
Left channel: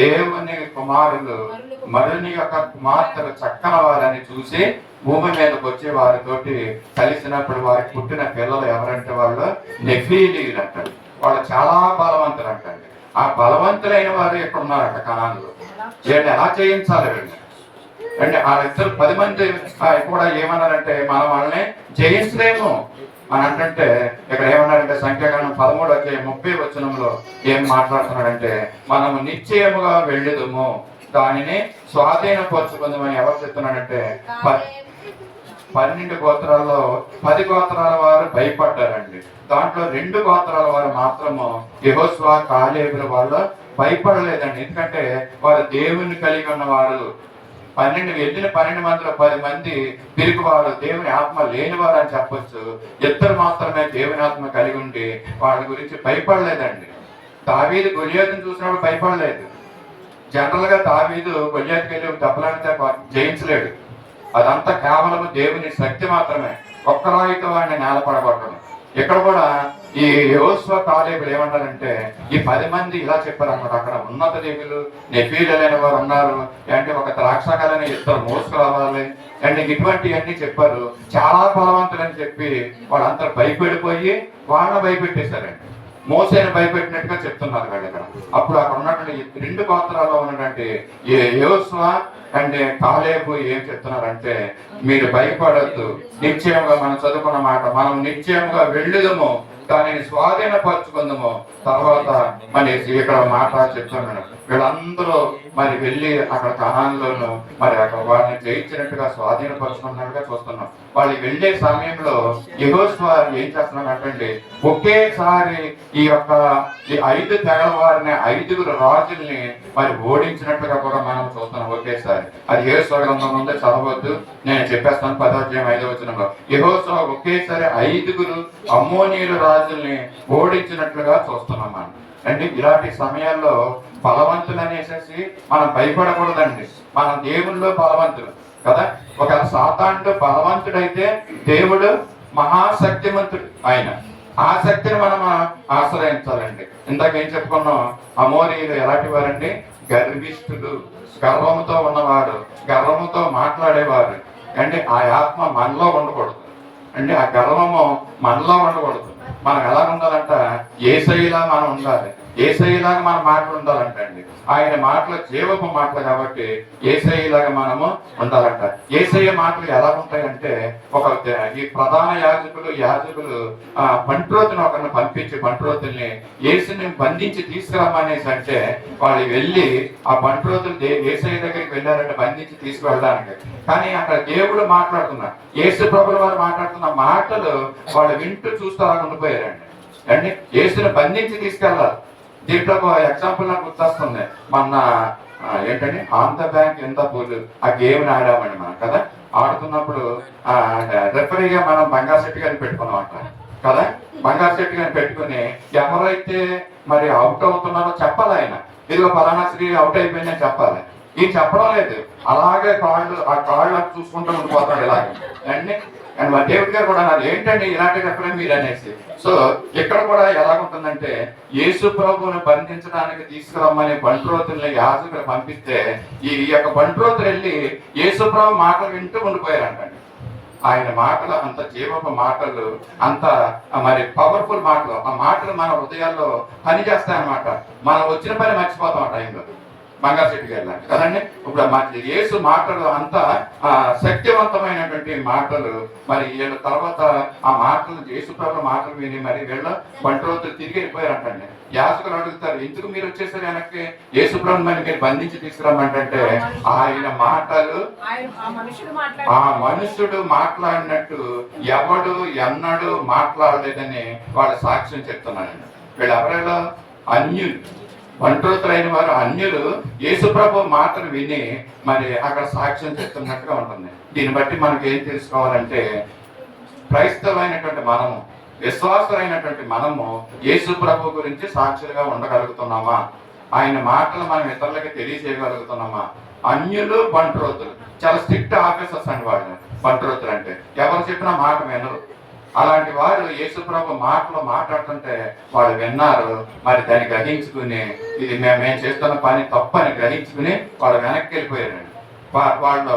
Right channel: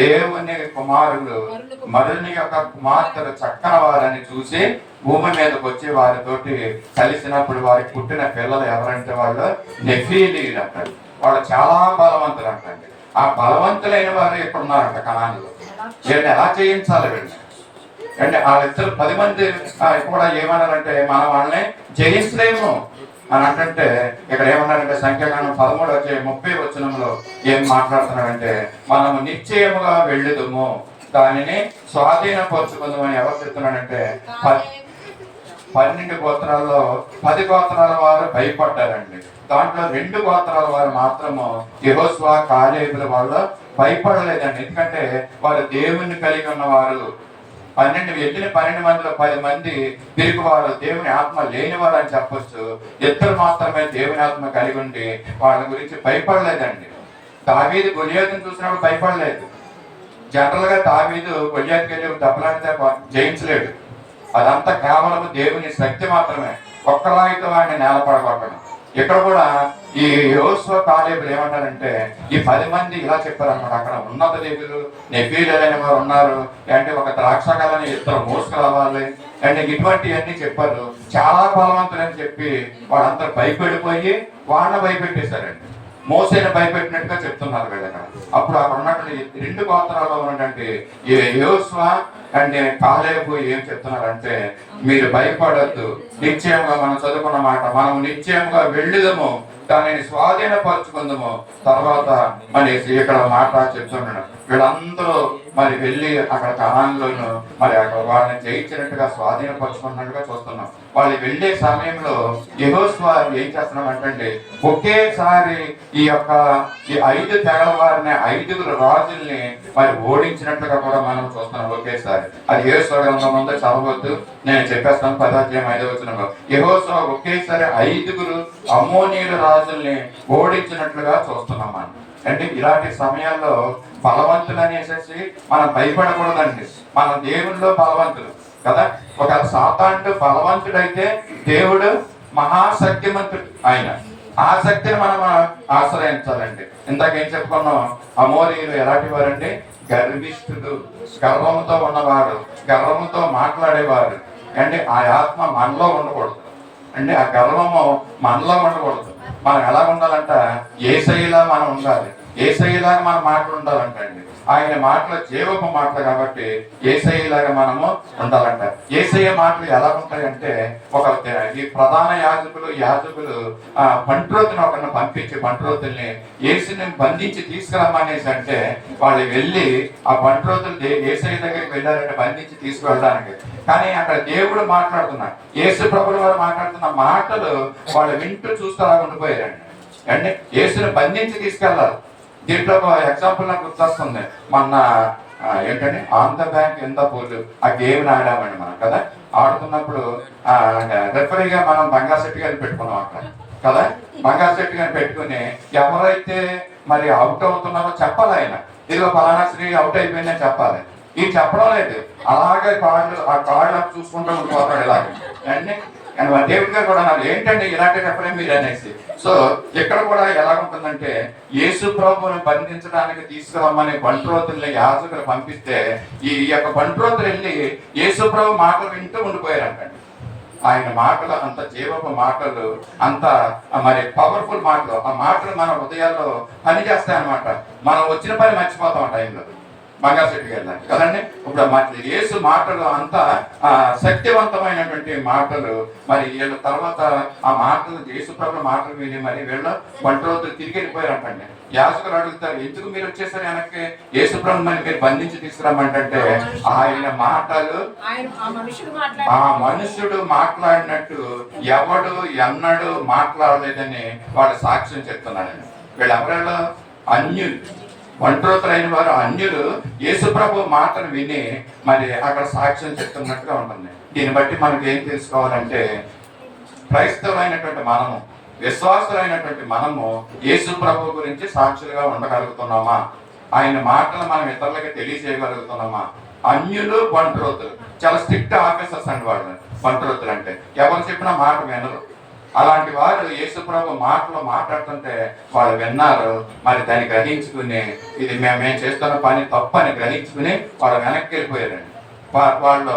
దేవుని కుమారులు మరుని యొక్క కుమార్తెలు చక్కని వారని చూసి భూమి మీదకి వచ్చి వారితోటి కలిసినప్పుడు వారికి పుట్టిన పిల్లలు ఎవరంటే వాళ్ళు నెఫీలీయులు అంటారు. వాళ్ళు చాలా బలవంతులు అంటండి. ఆ బలవంతులైన వారు ఇక్కడ ఉన్నారంట కనాన్లో. వీళ్ళని ఎలా చేయించాలి వీళ్ళని అంటే వాళ్ళిద్దరు 10 మంది కూడా ఏమన్నారంటే మనం వాళ్ళని జయించలేము అని అంటే ఇక్కడ ఏమన్నారంటే సంఖ్యాకాండం 13వ అధ్యాయం 30వ వచనంలో ఏం మాట్లాడుతున్నాడంటే మనము నిశ్చయముగా వెళ్ళుదుము, దానిని స్వాధీనపరుచుకుందామని ఎవరు చెప్తున్నాడంటే 12 గోత్రాల్లో 10 గోత్రాల వారు భయపడ్డారండి. దాంట్లో 2 గోత్రాల వారు మాత్రము యెహోషువ కాలేబుల వాళ్ళు భయపడలేదండి. ఎందుకంటే వారు దేవుని కలిగి ఉన్నవారు. 12 మందిలో 10 మంది తిరుగువారు, దేవుని ఆత్మ లేనివారు అని చెప్పొచ్చు. 2 మాత్రమే దేవుని ఆత్మ కలిగి ఉండి వాళ్ళ గురించి భయపడలేదండి. దావీదు గొలియాతును చూసినప్పుడు భయపడలేదు. జనరల్ గా దావీదు గొలియాతుకి వెళ్ళి దెబ్బలాడితే జయించలేడు. అదంతా కేవలం దేవుని శక్తి మాత్రమే. ఒక్కరాయితో వాడిని నేలపడగొట్టడం. ఇక్కడ కూడా ఈ యెహోషువ కాలేబులు ఏమంటారంటే ఈ 10 మంది ఇలా చెప్పారు అనమాట. అక్కడ ఉన్నత దేవులు నెఫీలీయులైన వారు ఉన్నారు అంటే ఒక ద్రాక్షకాలని 2 మోసుకు రావాలి అంటే ఇటువంటివన్నీ చెప్పారు. చాలా బలవంతులని చెప్పి వాళ్ళంతా భయపడిపోయి వాళ్ళని భయపెట్టేశారండి. మోసేని భయపెట్టినట్టుగా చెప్తున్నారు వీళ్ళు ఇక్కడ. అప్పుడు అక్కడ ఉన్నటువంటి 2 గోత్రాల్లో ఉన్నటువంటి యెహోషువ అంటే కాలేబు ఏం చెప్తున్నారంటే మీరు భయపడద్దు, నిశ్చయంగా మనం చదువుకున్న మాట, మనం నిశ్చయంగా వెళ్ళుదము, దానిని స్వాధీనపరచుకుందాము. తర్వాత మరి ఇక్కడ మాట చెప్తున్నాడు. వీళ్ళందరూ మరి వెళ్ళి అక్కడ కనాన్లోను మరి అక్కడ వాళ్ళని జయించినట్టుగా స్వాధీనపరుచుకున్నట్టుగా చూస్తున్నాం. వాళ్ళు వెళ్ళే సమయంలో యెహోషువ ఏం చేస్తున్నాడంటే ఒకేసారి ఈ 5 తెగల వారిని 5 రాజుల్ని మరి ఓడించినట్టుగా కూడా మనం చూస్తున్నాం ఒకేసారి. అది యెహోషువ గ్రంథం ఉందో చదవద్దు, నేను చెప్పేస్తాను. 10వ అధ్యాయం 5వ వచనంలో యెహోషువ ఒకేసారి 5 అమ్మోనీయుల రాజుల్ని ఓడించినట్లుగా చూస్తున్నాం మనం. అంటే ఇలాంటి సమయాల్లో బలవంతులు అనేసి మనం భయపడకూడదండి. మనం దేవుల్లో బలవంతులు కదా. ఒకవేళ సాతానుడు బలవంతుడైతే దేవుడు మహాశక్తిమంతుడు. ఆయన ఆ శక్తిని మనం ఆశ్రయించాలండి. ఇందాక ఏం చెప్పుకున్నాం, అమోరీయులు ఎలాంటి వారండి? గర్విష్ఠులు, గర్వముతో ఉన్నవాడు, గర్వముతో మాట్లాడేవారు అంటే ఆ ఆత్మ మనలో ఉండకూడదు అంటే ఆ గర్వము మనలో ఉండకూడదు. మనం ఎలా ఉండాలంట? యేసయ్యలా మనం ఉండాలి. యేసయ్యలాగా మన మాటలు ఉండాలంట అండి. ఆయన మాటలు జీవపు మాటలు కాబట్టి యేసయ్యలాగా మనము ఉండాలంట. యేసయ్య మాటలు ఎలా ఉంటాయంటే, ఈ ప్రధాన యాజకులు బంట్రోతుని ఒకరిని పంపించి బంట్రోతుల్ని యేసుని బంధించి తీసుకురమ్మనేసి అంటే వాళ్ళు వెళ్ళి ఆ బంట్రోతులు యేసయ్య దగ్గరికి వెళ్ళారంటే బంధించి తీసుకువెళ్ళడానికి. కానీ అక్కడ దేవుడు మాట్లాడుతున్నాడు, యేసు ప్రభువు వారు మాట్లాడుతున్న మాటలు వాళ్ళు వింటూ చూస్తూ అలా ఉండిపోయారండి. అంటే యేసుని బంధించి తీసుకెళ్ళాలి. దీంట్లో ఒక ఎగ్జాంపుల్ నాకు గుర్తొస్తుంది. మొన్న ఏంటంటే ఆన్ ద బ్యాంక్ ఎంత పూలు ఆ గేమ్ని ఆడామండి మనం కదా. ఆడుతున్నప్పుడు రెఫరీగా మనం బంగారు సెట్ గారిని పెట్టుకున్నాం అక్కడ కదా. బంగారు సెట్ గారిని పెట్టుకుని ఎవరైతే మరి అవుట్ అవుతున్నారో చెప్పాలి. ఆయన ఇదిగో ఫలానా శ్రీ అవుట్ అయిపోయిందని చెప్పాలి. ఈ చెప్పడం లేదు, అలాగే ఆ కాళ్ళు చూసుకుంటూ ఉండిపోతాడు ఇలాగే అండి. అండ్ మా దేవుడి గారు కూడా అన్నారు, ఏంటంటే ఇలాంటి రెఫరీ మీరు అనేసి. సో ఇక్కడ కూడా ఎలాగుంటుందంటే, యేసు ప్రభువుని బంధించడానికి తీసుకురమ్మని బంట్రోతుల్ని యాజకులు పంపిస్తే ఈ యొక్క బంట్రోతులు వెళ్ళి యేసు ప్రభు మాటలు వింటూ ఉండిపోయారంటండి. ఆయన మాటలు అంత జీవపు మాటలు, అంత మరి పవర్ఫుల్ మాటలు. ఆ మాటలు మన హృదయాల్లో పనిచేస్తాయి అన్నమాట. మనం వచ్చిన పని మర్చిపోతాం ఆ టైంలో. బంగారు చెట్టుకి వెళ్ళాలి కదండి. ఇప్పుడు యేసు మాటలు అంత శక్తివంతమైనటువంటి మాటలు. మరి వీళ్ళ తర్వాత ఆ మాటలు యేసు ప్రభు మాటలు విని మరి వీళ్ళ బంట్రోతులు తిరిగి వెళ్ళిపోయారంటండి. యాజకులు అడుగుతారు, ఎందుకు మీరు వచ్చేసరి వెనక్కి? యేసు ప్రభు మరి మీరు బంధించి తీసుకురమ్మంటే ఆయన మాటలు ఆ మనుషుడు మాట్లాడినట్టు ఎవడు ఎన్నడూ మాట్లాడలేదని వాళ్ళు సాక్ష్యం చెప్తున్నారండి. వీళ్ళు ఎవరైనా అన్యులు, బంట్రోతులైన వారు అన్యులు యేసు ప్రభు మాటలు విని మరి అక్కడ సాక్ష్యం చెప్తున్నట్టుగా ఉంటుంది. దీన్ని బట్టి మనకి ఏం తెలుసుకోవాలంటే, క్రైస్తవులైనటువంటి మనము, విశ్వాసులైనటువంటి మనము యేసు ప్రభు గురించి సాక్షులుగా ఉండగలుగుతున్నామా? ఆయన మాటలు మనం ఇతరులకి తెలియజేయగలుగుతున్నామా? అన్యులు బంట్రోతులు చాలా స్ట్రిక్ట్ ఆఫీసర్స్ అండి వాళ్ళు. బంట్రోతులు అంటే ఎవరు చెప్పినా మాట వినరు. అలాంటి వారు యేసు ప్రభు మాటలు మాట్లాడుతుంటే వాళ్ళు విన్నారు. మరి దాన్ని గ్రహించుకుని ఇది మేము చేస్తున్న పని తప్పని గ్రహించుకుని వాళ్ళు వెనక్కి వెళ్ళిపోయారండి. వాళ్ళు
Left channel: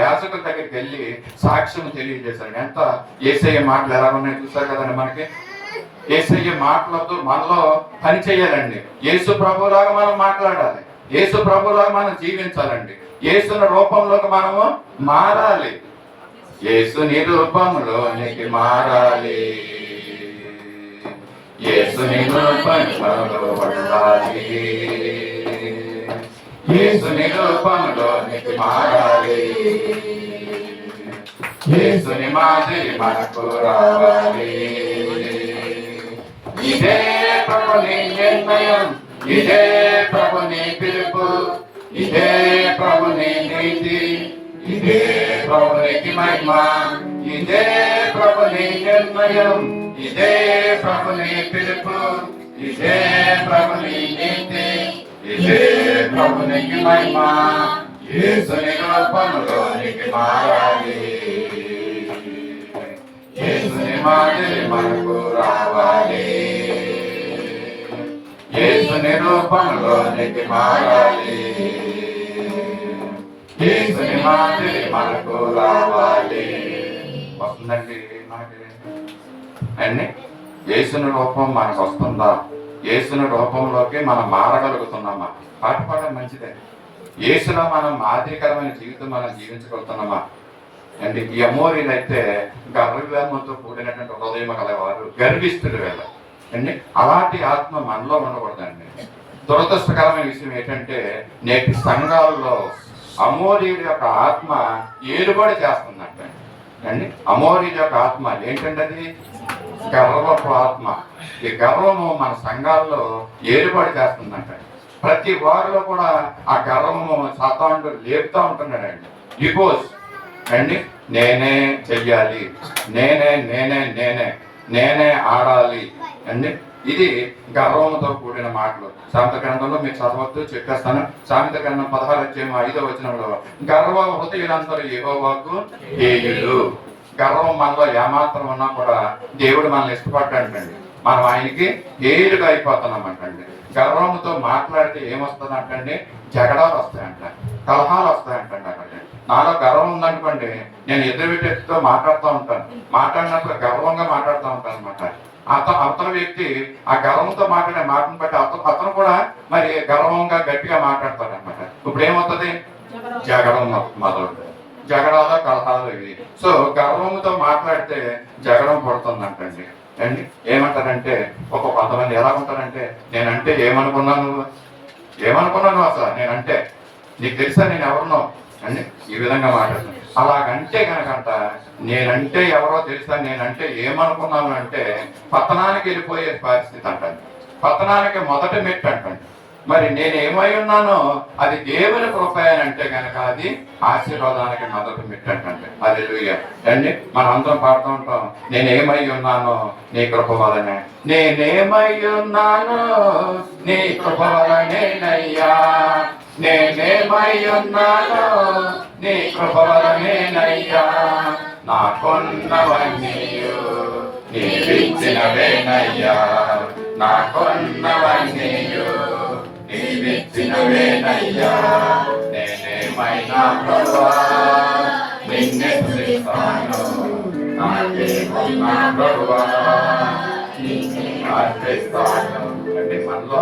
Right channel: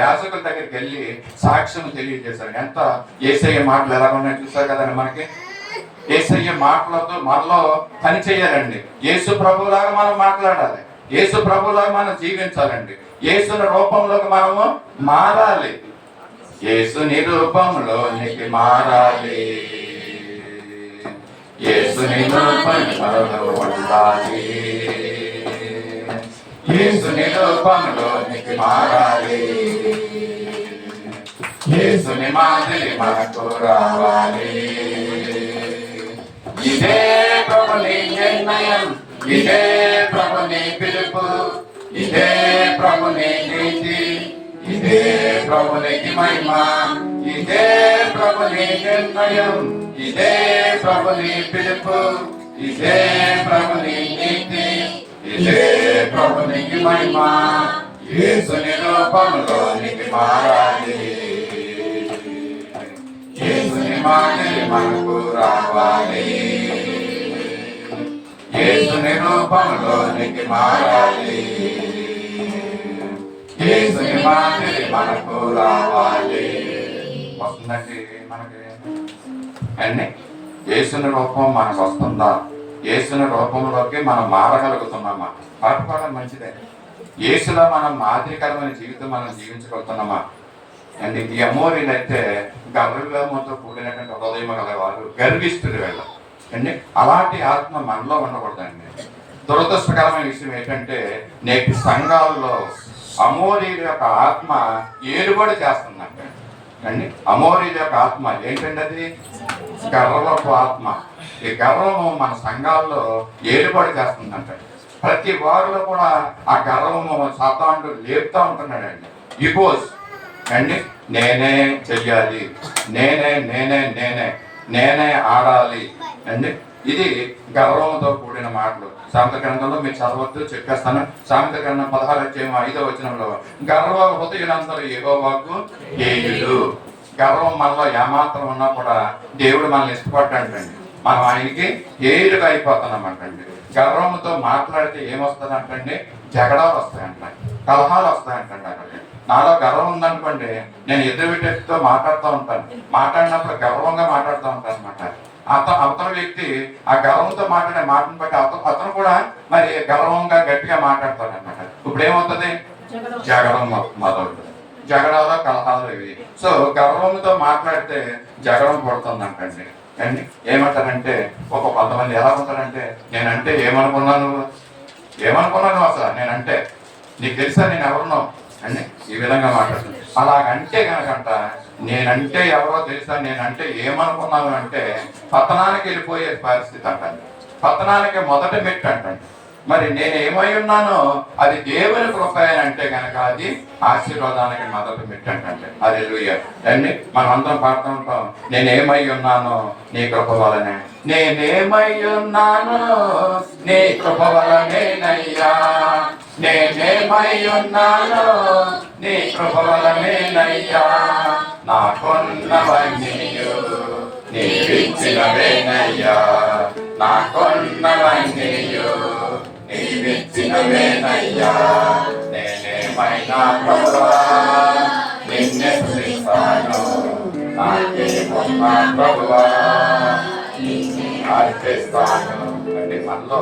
యాజకుల దగ్గరికి వెళ్ళి సాక్ష్యం తెలియజేశారు. ఎంత యేసయ్య మాటలు ఎలా ఉన్నాయో చూసారు కదండి. మనకి యేసయ్య మాటలతో మనలో పని చేయాలండి. యేసు ప్రభులాగా మనం మాట్లాడాలి, యేసు ప్రభులాగా మనం జీవించాలండి. యేసుని రూపంలోకి మనము మారాలి, యేసుని రూపంలోనికి మారాలి, యేసుని రూపంలో ఉండాలి, యేసుని రూపంలోనికి మారాలి, యేసుని మాదిరి మనకు రావాలి. ఇదే ప్రభుని నిర్ణయం, ఇదే ప్రభుని పిలుపు, ఇదే ప్రభుని నీతి, ఇదే ప్రభునికి మహిమ, ఇదే ప్రభుని నిర్ణయం, ఇదే ప్రభుని పిలుపు, ఇదే ప్రభుని నీతి, ఇదే ప్రభునికి మహిమ. యేసుని రూపంలోనికి మారాలి, యేసుని మాదిరి మనకు రావాలి, యేసుని రూపంలోనికి మారాలి, యేసుని మాదిరి మనకు రావాలి. వస్తుందండి మనకి అండి. యేసుని రూపం మనకు వస్తుందా? యేసుని రూపంలోకి మనం మారగలుగుతున్నామా? పాట పాడడం మంచిదే. యేసులో మనం మాదిరికరమైన జీవితం మనం జీవించగలుగుతున్నామా? అండ్ ఈ అమోరీలు అయితే గర్వంతో కూడినటువంటి హృదయం కలవారు, గర్విస్తులు వీళ్ళ అండి. అలాంటి ఆత్మ మనలో ఉండకూడదండి. దురదృష్టకరమైన విషయం ఏంటంటే, నేటి సంఘాల్లో అమోరీల యొక్క ఆత్మ ఏలుబడి చేస్తుందంట అండి. అమోరీల యొక్క ఆత్మ ఏంటంటే అది గర్వపు ఆత్మ. ఈ గర్వము మన సంఘాల్లో ఏలుబడి చేస్తుందంట. ప్రతి వారిలో కూడా ఆ గర్వము సాతానుడు లేపుతా ఉంటున్నాడండి. ఇగోస్ అండి, నేనే చెయ్యాలి, నేనే నేనే నేనే నేనే ఆడాలి అండి. ఇది గర్వంతో కూడిన మాటలు. సామెత గ్రంథంలో మీరు చదవద్దు, చెప్పేస్తాను. సామెత గ్రంథం 16:5 గర్వ హృదయులందరూ యెహోవాకు హేయులు గర్వం మనలో ఏమాత్రం ఉన్నా కూడా దేవుడు మనల్ని ఇష్టపడ్డాడండి. మనం ఆయనకి ఏలుగా అయిపోతున్నామంటండి. గర్వంతో మాట్లాడితే ఏమొస్తుందంటండి? జగడాలు వస్తాయంట, కలహాలు వస్తాయంటండి. అక్కడికి నాలో గర్వం ఉందనుకోండి, నేను ఎదురు వ్యక్తితో మాట్లాడుతూ ఉంటాను. మాట్లాడినప్పుడు గర్వంగా మాట్లాడుతూ ఉంటాను అనమాట. అవతల వ్యక్తి ఆ గర్వంతో మాట్లాడే మాటను బట్టి అతను కూడా మరి గర్వంగా గట్టిగా మాట్లాడతాడు అనమాట. ఇప్పుడు ఏమవుతుంది? జగడం మొదలు, జగడాలు కలహాలు ఇవి. సో గర్వంతో మాట్లాడితే జగడం పడుతుందంటండి. అండి ఏమంటారంటే కొంతమంది ఎలా ఉంటారంటే, నేనంటే ఏమనుకున్నాను అసలు, నేనంటే నీకు తెలుసా నేను ఎవరినో అండి, ఈ విధంగా మాట్లాడుతుంది. అలాగంటే కనుకంట నేనంటే ఎవరో తెలుసా, నేనంటే ఏమనుకున్నాను అంటే పతనానికి వెళ్ళిపోయే పరిస్థితి అంటండి. పతనానికి మొదటి మెట్టు అంటండి. మరి నేను ఏమై ఉన్నానో అది దేవుని కృప అని అంటే కనుక అది ఆశీర్వాదానికి మొదటి మెట్టు అంటే. హల్లెలూయా అండి. మనం అందరం పాడుతూ ఉంటాం, నేనేమై ఉన్నానో నీ కృప వలనే, నేనేమై ఉన్నానో నీ కృప వలనేనయ్యా, నేనేమై ఉన్నానో నీ కృప వలనేనయ్యా, నాకున్నవన్నీయు నీవిచ్చినవేనయ్యా, నాకున్నవన్నీయు నీవిచ్చినవేనయ్యా, నేనేమైనా ప్రభువా నిన్నే స్తుతిస్తాను, నాకేమున్నా ప్రభువా నిన్నే అర్పిస్తాను. అంటే మనలో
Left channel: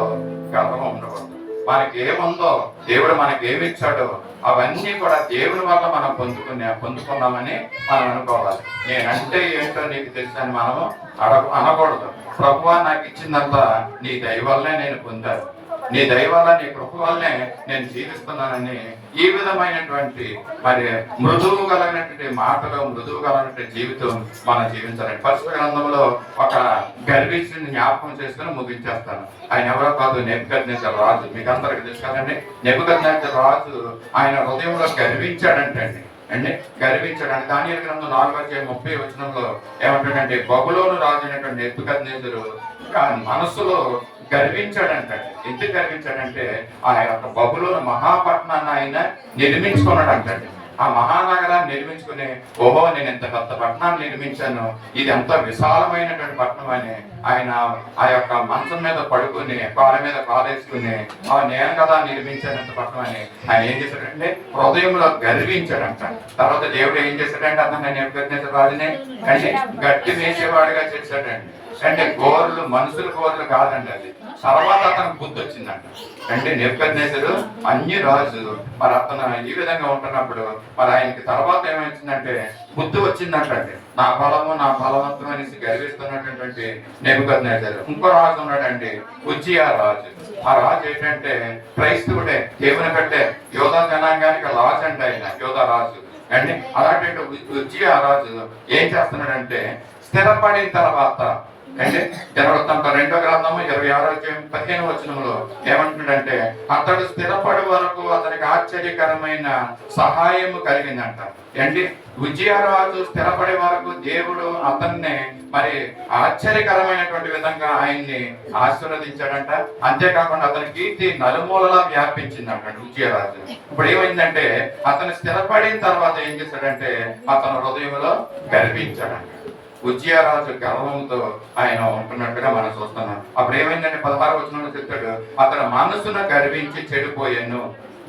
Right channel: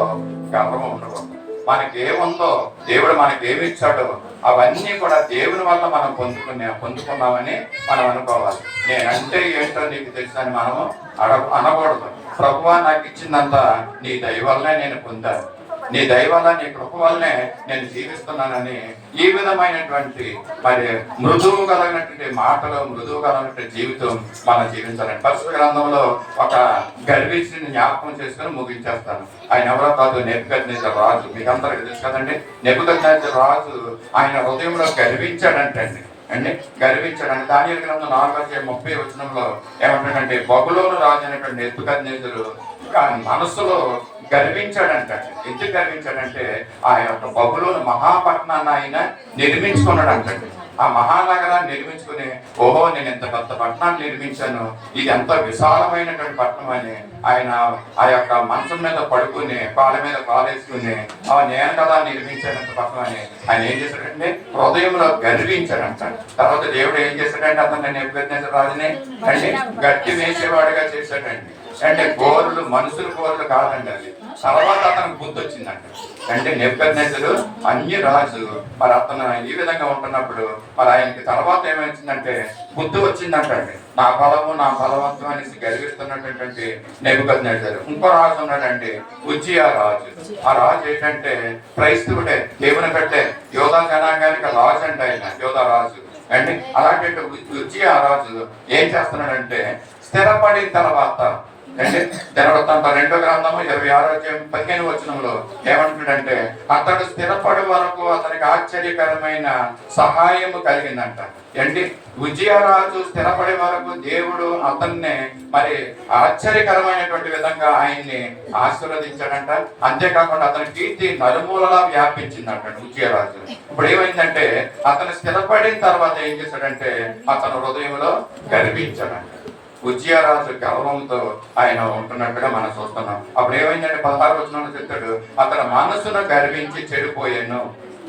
గర్వం ఉండకూడదు. మనకి ఏముందో దేవుడు మనకి ఏమి ఇచ్చాడో అవన్నీ కూడా దేవుని వల్ల మనం పొందుకున్నామని మనం అనుకోవాలి. నేనంటే ఏంటో నీకు తెలుసని మనము అనకూడదు. ప్రభువా నాకు ఇచ్చిందంతా నీ దయ వల్లనే నేను పొందాను, నీ దయ వల్ల నీ కృప వల్లనే నేను జీవిస్తున్నానని ఈ విధమైనటువంటి మరి మృదువు కలిగినటువంటి మాటలు, మృదువు కలిగినటువంటి జీవితం మనం జీవించాలని పరిశుద్ధ గ్రంథంలో ఒక గర్విష్ఠుని జ్ఞాపకం చేసుకుని ముగించేస్తాను. ఆయన ఎవరో కాదు, నెబుకద్నెజర్ రాజు. మీకు అందరికి తెలుసు కదండి. నెబుకద్నెజర్ రాజు ఆయన హృదయంలో గర్వించాడంటండి. గర్వించాడు. దానియేలు గ్రంథం 4:30 ఏమంటాడంటే, బబులోను రాజు అయినటువంటి నెబుకద్నెజరు మనస్సులో గర్వించాడంటే. ఎందుకు గర్వించాడంటే ఆ యొక్క బబులోను మహాపట్నాన్ని ఆయన నిర్మించుకున్నాడు అంటండి. ఆ మహానగరాన్ని నిర్మించుకుని, ఓహో నేను ఇంత పెద్ద పట్టణాన్ని నిర్మించాను, ఇది ఎంతో విశాలమైనటువంటి పట్టణం అని ఆయన ఆ యొక్క మంచం మీద పడుకుని కాళ్ళ మీద కాలేసుకుని నేను కదా నిర్మించానంత పట్టణం అని ఆయన ఏం చేశాడంటే హృదయంలో గర్వించాడంట. తర్వాత దేవుడు ఏం చేశాడంటే అతను నెబుకద్నెజరు రాజుని అంటే గట్టి వేసేవాడిగా చేశాడండి. అంటే గోర్లు మనుషుల గోర్లు కాదండి అది. తర్వాత అతనికి బుద్ధి వచ్చిందంట. అంటే నెబుకద్నెజరు అన్య రాజు, మరి అతను ఈ విధంగా ఉంటున్నప్పుడు మరి ఆయనకి తర్వాత ఏమొచ్చిందంటే బుద్ధి వచ్చిందంటే, నా బలము నా బలవంతం అనేసి గర్విస్తున్నటువంటి నెబుకద్నెజరు. ఇంకో రాజు ఉన్నాడండి, ఉజ్జియా రాజు. ఆ రాజు ఏంటంటే క్రైస్తవుడే, దేవుని పెట్టే యోధా జనాంగానికి రాజు అంటే ఆయన, యోధా రాజు అండి. అలాంటి ఉజ్జియా రాజు ఏం చేస్తున్నాడంటే స్థిరపడిన తర్వాత అంటే దినవృత్తాంతం 2వ గ్రంథము 26:15 ఏమంటాడంటే, అతడు స్థిరపడి వరకు అతనికి ఆశ్చర్యకరమైన సహాయము కలిగిందంట. ఏంటి? ఉజ్జియా రాజు స్థిరపడే వరకు దేవుడు అతన్ని మరి ఆశ్చర్యకరమైనటువంటి విధంగా ఆయన్ని ఆశీర్వదించాడంట. అంతేకాకుండా అతని కీర్తి నలుమూలలా వ్యాపించిందంట ఉజ్జియా రాజు. ఇప్పుడు ఏమైందంటే అతను స్థిరపడిన తర్వాత ఏం చేశాడంటే అతను హృదయంలో గర్వించాడంట. ఉజ్జియా రాజు గర్వంతో ఆయన ఉంటున్నట్టుగా మనం చూస్తున్నాం. అప్పుడు ఏమైందంటే 16వ వచనంలో చెప్తాడు, అతను మనసును గర్వించి చెడిపోయాను.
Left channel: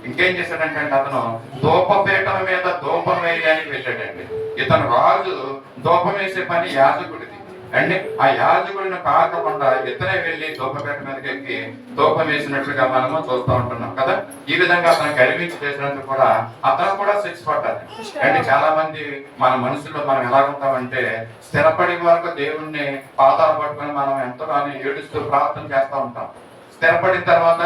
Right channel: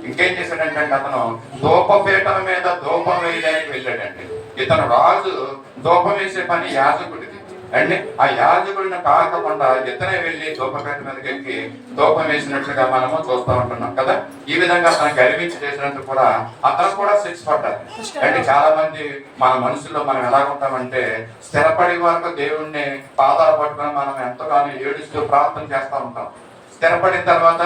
ఇంకేం చేశాడంటే అతను ధూపపీఠం మీద ధూపం వేయడానికి వెళ్ళాడండి. ఇతను రాజు ధూపం వేసే పని యాజకుడిది అండి. ఆ యాజకుడిని కాకుండా ఇతనే వెళ్ళి ధూపపీఠం మీదకి ఎక్కి ధూపం వేసినట్లుగా మనము చూస్తూ ఉంటున్నాం కదా. ఈ విధంగా అతను గర్వించి చేసినందుకు కూడా అతను కూడా శిక్ష పడ్డారు. అంటే చాలా మంది మన మనసులో మనం ఎలాగుంటామంటే స్థిరపడి వరకు దేవుణ్ణి పాదాలు పట్టుకొని మనం ఎంతగానో ఏడుస్తూ ప్రార్థన చేస్తూ ఉంటాం. స్థిరపడిన తర్వాత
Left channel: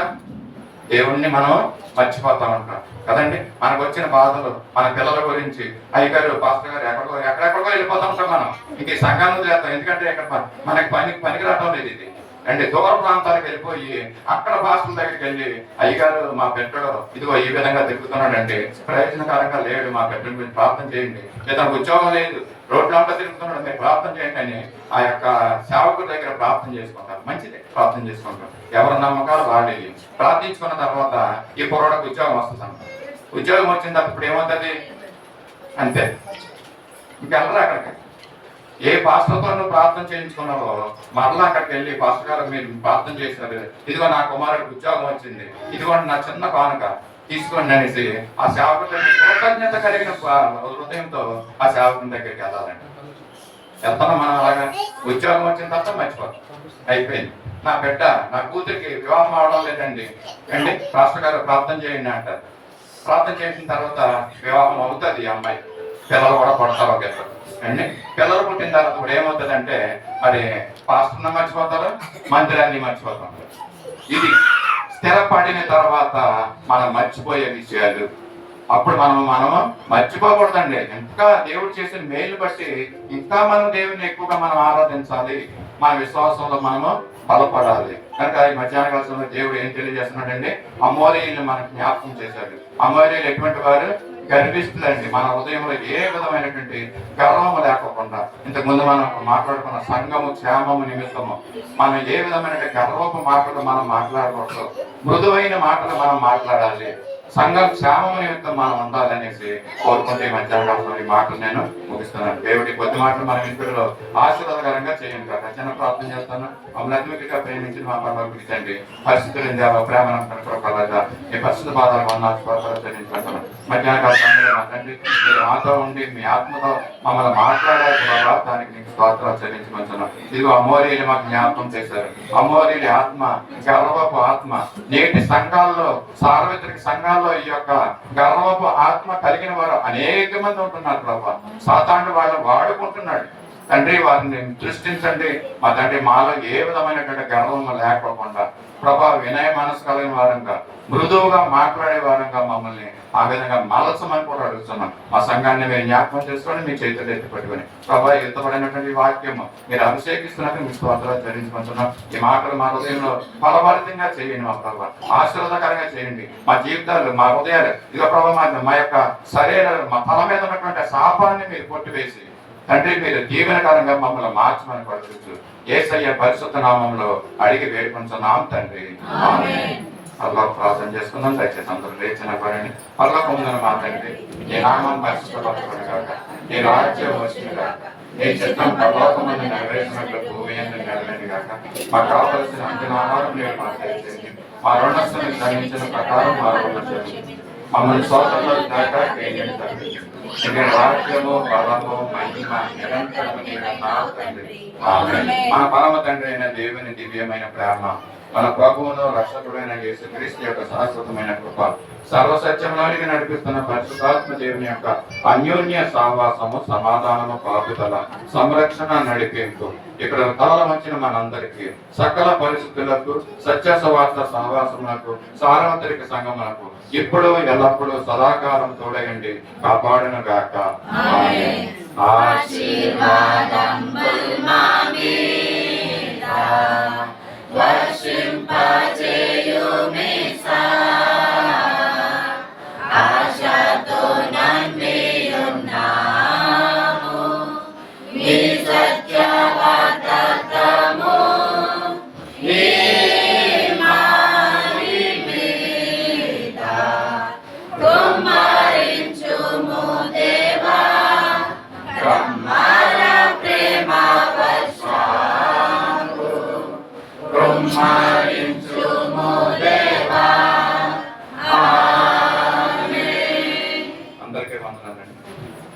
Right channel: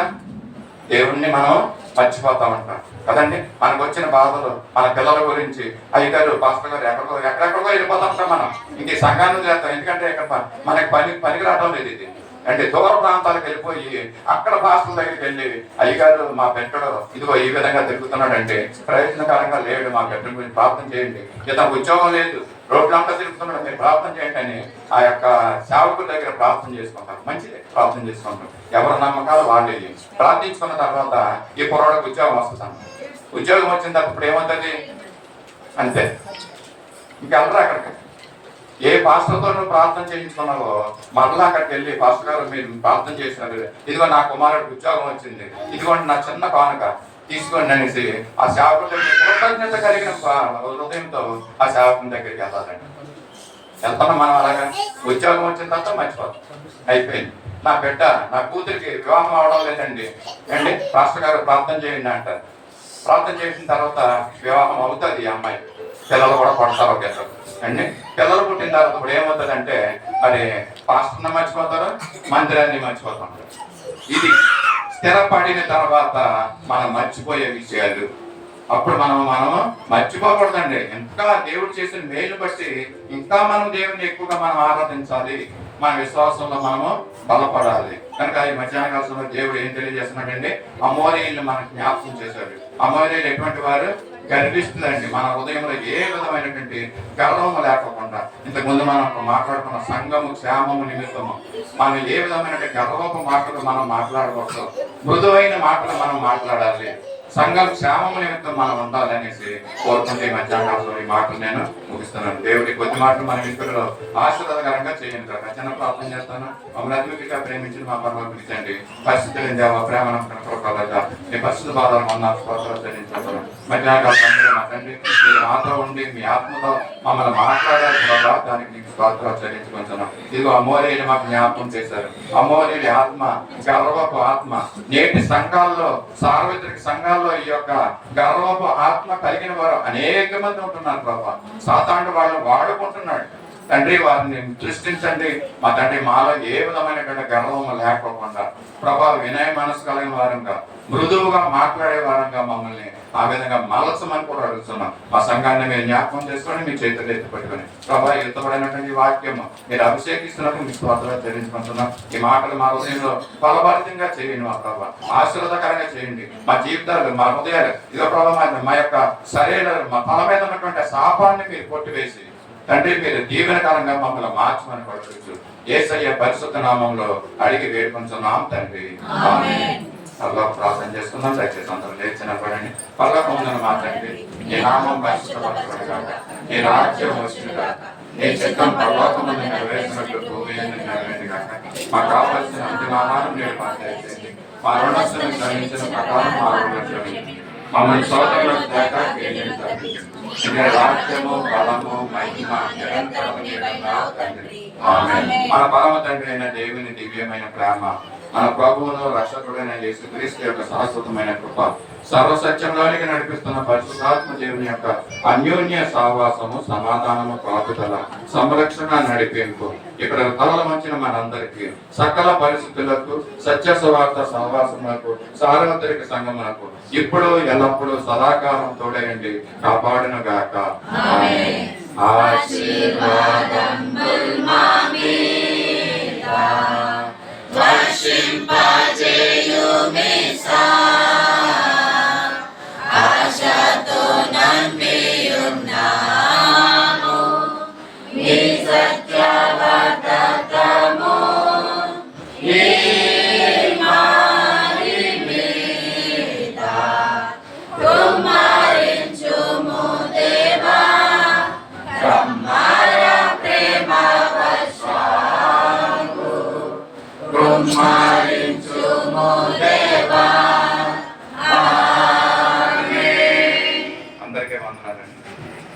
దేవుణ్ణి మనం మర్చిపోతా ఉంటాం కదండి. మనకు వచ్చిన బాధలు, మన పిల్లల గురించి, అయ్యగారు పాస్టర్ గారు ఎక్కడెక్కడికో వెళ్ళిపోతా ఉంటాం మనం. ఇంక ఈ సంఘాన్ని చేస్తాం. ఎందుకంటే ఇక్కడ మనకి పనికి రావడం లేదు ఇది. అంటే దూర ప్రాంతాలకు వెళ్ళిపోయి అక్కడ పాస్టర్ల దగ్గరికి వెళ్ళి, అయ్యగారు మా పెట్టడు ఇదిగో ఈ విధంగా తిరుగుతున్నాడంటే ప్రయోజనకరంగా లేడు, మా పెట్ట గురించి ప్రార్థన చేయండి. లేదా ఉద్యోగం లేదు, రోడ్లంతా తిరుగుతున్నాడు, మీరు ప్రార్థన చేయండి అని ఆ యొక్క సేవకుల దగ్గర ప్రార్థన చేసుకుంటారు. మంచిదే, ప్రార్థన చేసుకుంటారు. ఎవరి నమ్మకాలు వాళ్ళు ప్రార్థించుకున్న తర్వాత ఈ కుర్రాడికి ఉద్యోగం వస్తుంది. ఉద్యోగం వచ్చిన తర్వాత ఇప్పుడు ఏమవుతుంది? అంతే, ఇంకెళ్ళరా అక్కడికి. ఏ పాస్టర్తో నువ్వు ప్రార్థన చేయించుకున్నావో మరలా అక్కడికి వెళ్ళి పాస్టర్ గారు మీరు ప్రార్థన చేసినారు, ఇదిగో నా కుమారుడికి ఉద్యోగం వచ్చింది, ఇదిగోండి నా చిన్న కానుక తీసుకోండి అనేసి ఆ సేవకుడి కృతజ్ఞత కలిగిన హృదయంతో ఆ సేవకుని దగ్గరికి వెళ్ళాలండి. వెళ్తాను మనం అలాగా. ఉద్యోగం వచ్చిన తర్వాత మర్చిపోతాం, అయిపోయింది. నా బిడ్డ నా కూతురికి వివాహం అవడం లేదండి అండి, పాస్టర్ గారు ప్రార్థన చేయండి అంటారు. ప్రార్థన చేసిన తర్వాత వివాహం అవుతుంది. ఈ అమ్మాయి పిల్లలు కూడా పడతారు ఒకేసారి అండి. పిల్లలు పుట్టిన తర్వాత ఇప్పుడు ఏమవుతుంది అంటే మరి పాస్టర్ని మర్చిపోతారు, మందిరాన్ని మర్చిపోతాం. ఇది స్థిరపడిన తర్వాత మనం మర్చిపోయే విషయాలు. అప్పుడు మనము మర్చిపోకూడదండి. ఇంకా దేవుడు చేసిన మేలు బట్టి ఇంకా మనం దేవుని ఎక్కువగా మనం ఆరాధించాలి, మన విశ్వాసంలో మనము బలపడాలి. కనుక ఈ మధ్యాహ్న కాలంలో దేవుడు ఏం తెలియజేస్తున్నాడండి, అమోరీయులను మనకు జ్ఞాపకం చేశాడు. అమోరీయులు ఎటువంటి వారు? గర్విస్తులండి. మన హృదయంలో ఏ విధమైనటువంటి గర్వము లేకుండా, ఇంతకుముందు మనం మాట్లాడుకున్న సంఘము క్షేమము నిమిత్తము మనం ఏ విధమైన గర్వపు మాటలు మనం మాట్లాడకూడదు, మృదువైన మాటలు మనం మాట్లాడాలి, సంఘం క్షేమము నిమిత్తం మనం ఉండాలనేసి కోరుకుంటే మధ్యాహ్నం ఈ మాటలు నేను ముగిస్తున్నాను. దేవుడి కొద్ది మాటలు మన ఇంట్లో ఆశీర్వాదకరంగా చేయండి. రచన ప్రార్థన చేస్తాను. మమ్మల్ని అతిమిగా ప్రేమించి మా పర్వాలు తండ్రి, పరిస్థితులు దేవా ప్రేమ కనుక మీ పరిస్థితి బాధాలు చెల్లించుకుంటాను. మధ్యాహ్నం మా తండ్రి మీరు మాతో ఉండి మీ ఆత్మతో మమ్మల్ని మాట్లాడాలి బాబా, దానికి నీకు స్తోత్రాలు చెల్లించుకుంటున్నాం. ఇదిగో అమోరీలు మాకు జ్ఞాపకం చేశారు. అమోరీల ఆత్మ గర్వపు ఆత్మ. నేటి సంఘాల్లో, సార్వత్రిక సంఘాల్లో ఈ యొక్క గర్వపు ఆత్మ కలిగిన వారు అనేక మంది ఉంటున్నారు ప్రభా. సాతాండు వాళ్ళు వాడుకుంటున్నాడు. తండ్రి వారిని సృష్టించండి మా తండ్రి. మాలో ఏ విధమైనటువంటి గర్వము లేకోకుండా ప్రభా వినయ మనసు కలిగిన వారంగా, మృదువుగా మాట్లాడే వారంగా మమ్మల్ని ఆ విధంగా మలచమని కూడా అడుగుతున్నాం. మా సంఘాన్ని మీరు జ్ఞాపకం చేసుకొని మీ చేతులు ఎత్తి పట్టుకొని ప్రభా ఎత్తబడినటువంటి వాక్యము మీరు అభిషేకిస్తున్నట్టు మీ స్తోత్రాలు చెల్లించుకుంటున్నాం. ఈ మాటలు మా హృదయంలో ఫలభరితంగా చేయండి మా ప్రభా, ఆశీర్వాదకరంగా చేయండి. మా జీవితాలు, మా హృదయాలు ఇక ప్రభా మా యొక్క శరీరాలు, మా తల మీద ఉన్నటువంటి శాపాన్ని మీరు కొట్టివేసి తండ్రి మీరు దీవెనకరంగా మమ్మల్ని మార్చమని పడుతూ యేసయ్య పరిశుద్ధ నామంలో అడిగి వేడుకొంచున్నాం తండ్రి. పరలోక ప్రార్థన చేసుకుందాం. దయచేసి అందరూ లేచిన పడండి. పరలోకం ఉందని మాట్లాడి నీ నామం పరిశుద్ధపరచబడుగాక, నీ రాజ్యం వచ్చునుగాక, నీ చిత్తం పరలోకమందు నెరవేర్చినట్లు భూమి యందు నెరవేరుగాక. మాకు కావలసిన అంతిమ ఆహారం మీరు మాకు దయచేయండి. మా రుణస్తులను క్షమించిన ప్రకారం మా రుణం క్షమించండి. మమ్మల్ని శోధనలోకి తప్పించండి. రాజ్యము బలము మహిమ నిరంతరము తండ్రి. ఆమేన్. మా పరమ తండ్రి అయిన దేవుని దివ్యమైన ప్రేమ, మన ప్రభువును రక్షకుడైన యేసుక్రీస్తు యొక్క శాశ్వతమైన కృప, సర్వసత్యంలోనికి నడిపిస్తున్న పరిశుద్ధాత్మ దేవుని యొక్క అన్యోన్య సహవాసము, సమాధానము, కాపుదల, సంరక్షణ, నడిపింపు ఇక్కడ తలల మంచిన మనందరికీ సకల పరిస్థితులకు, సత్య సువార్త సహవాసములకు, సార్వత్రిక సంఘములకు ఇప్పుడు ఎల్లప్పుడూ సదాకాలం తోడయండి కాపాడును గాక. Brahma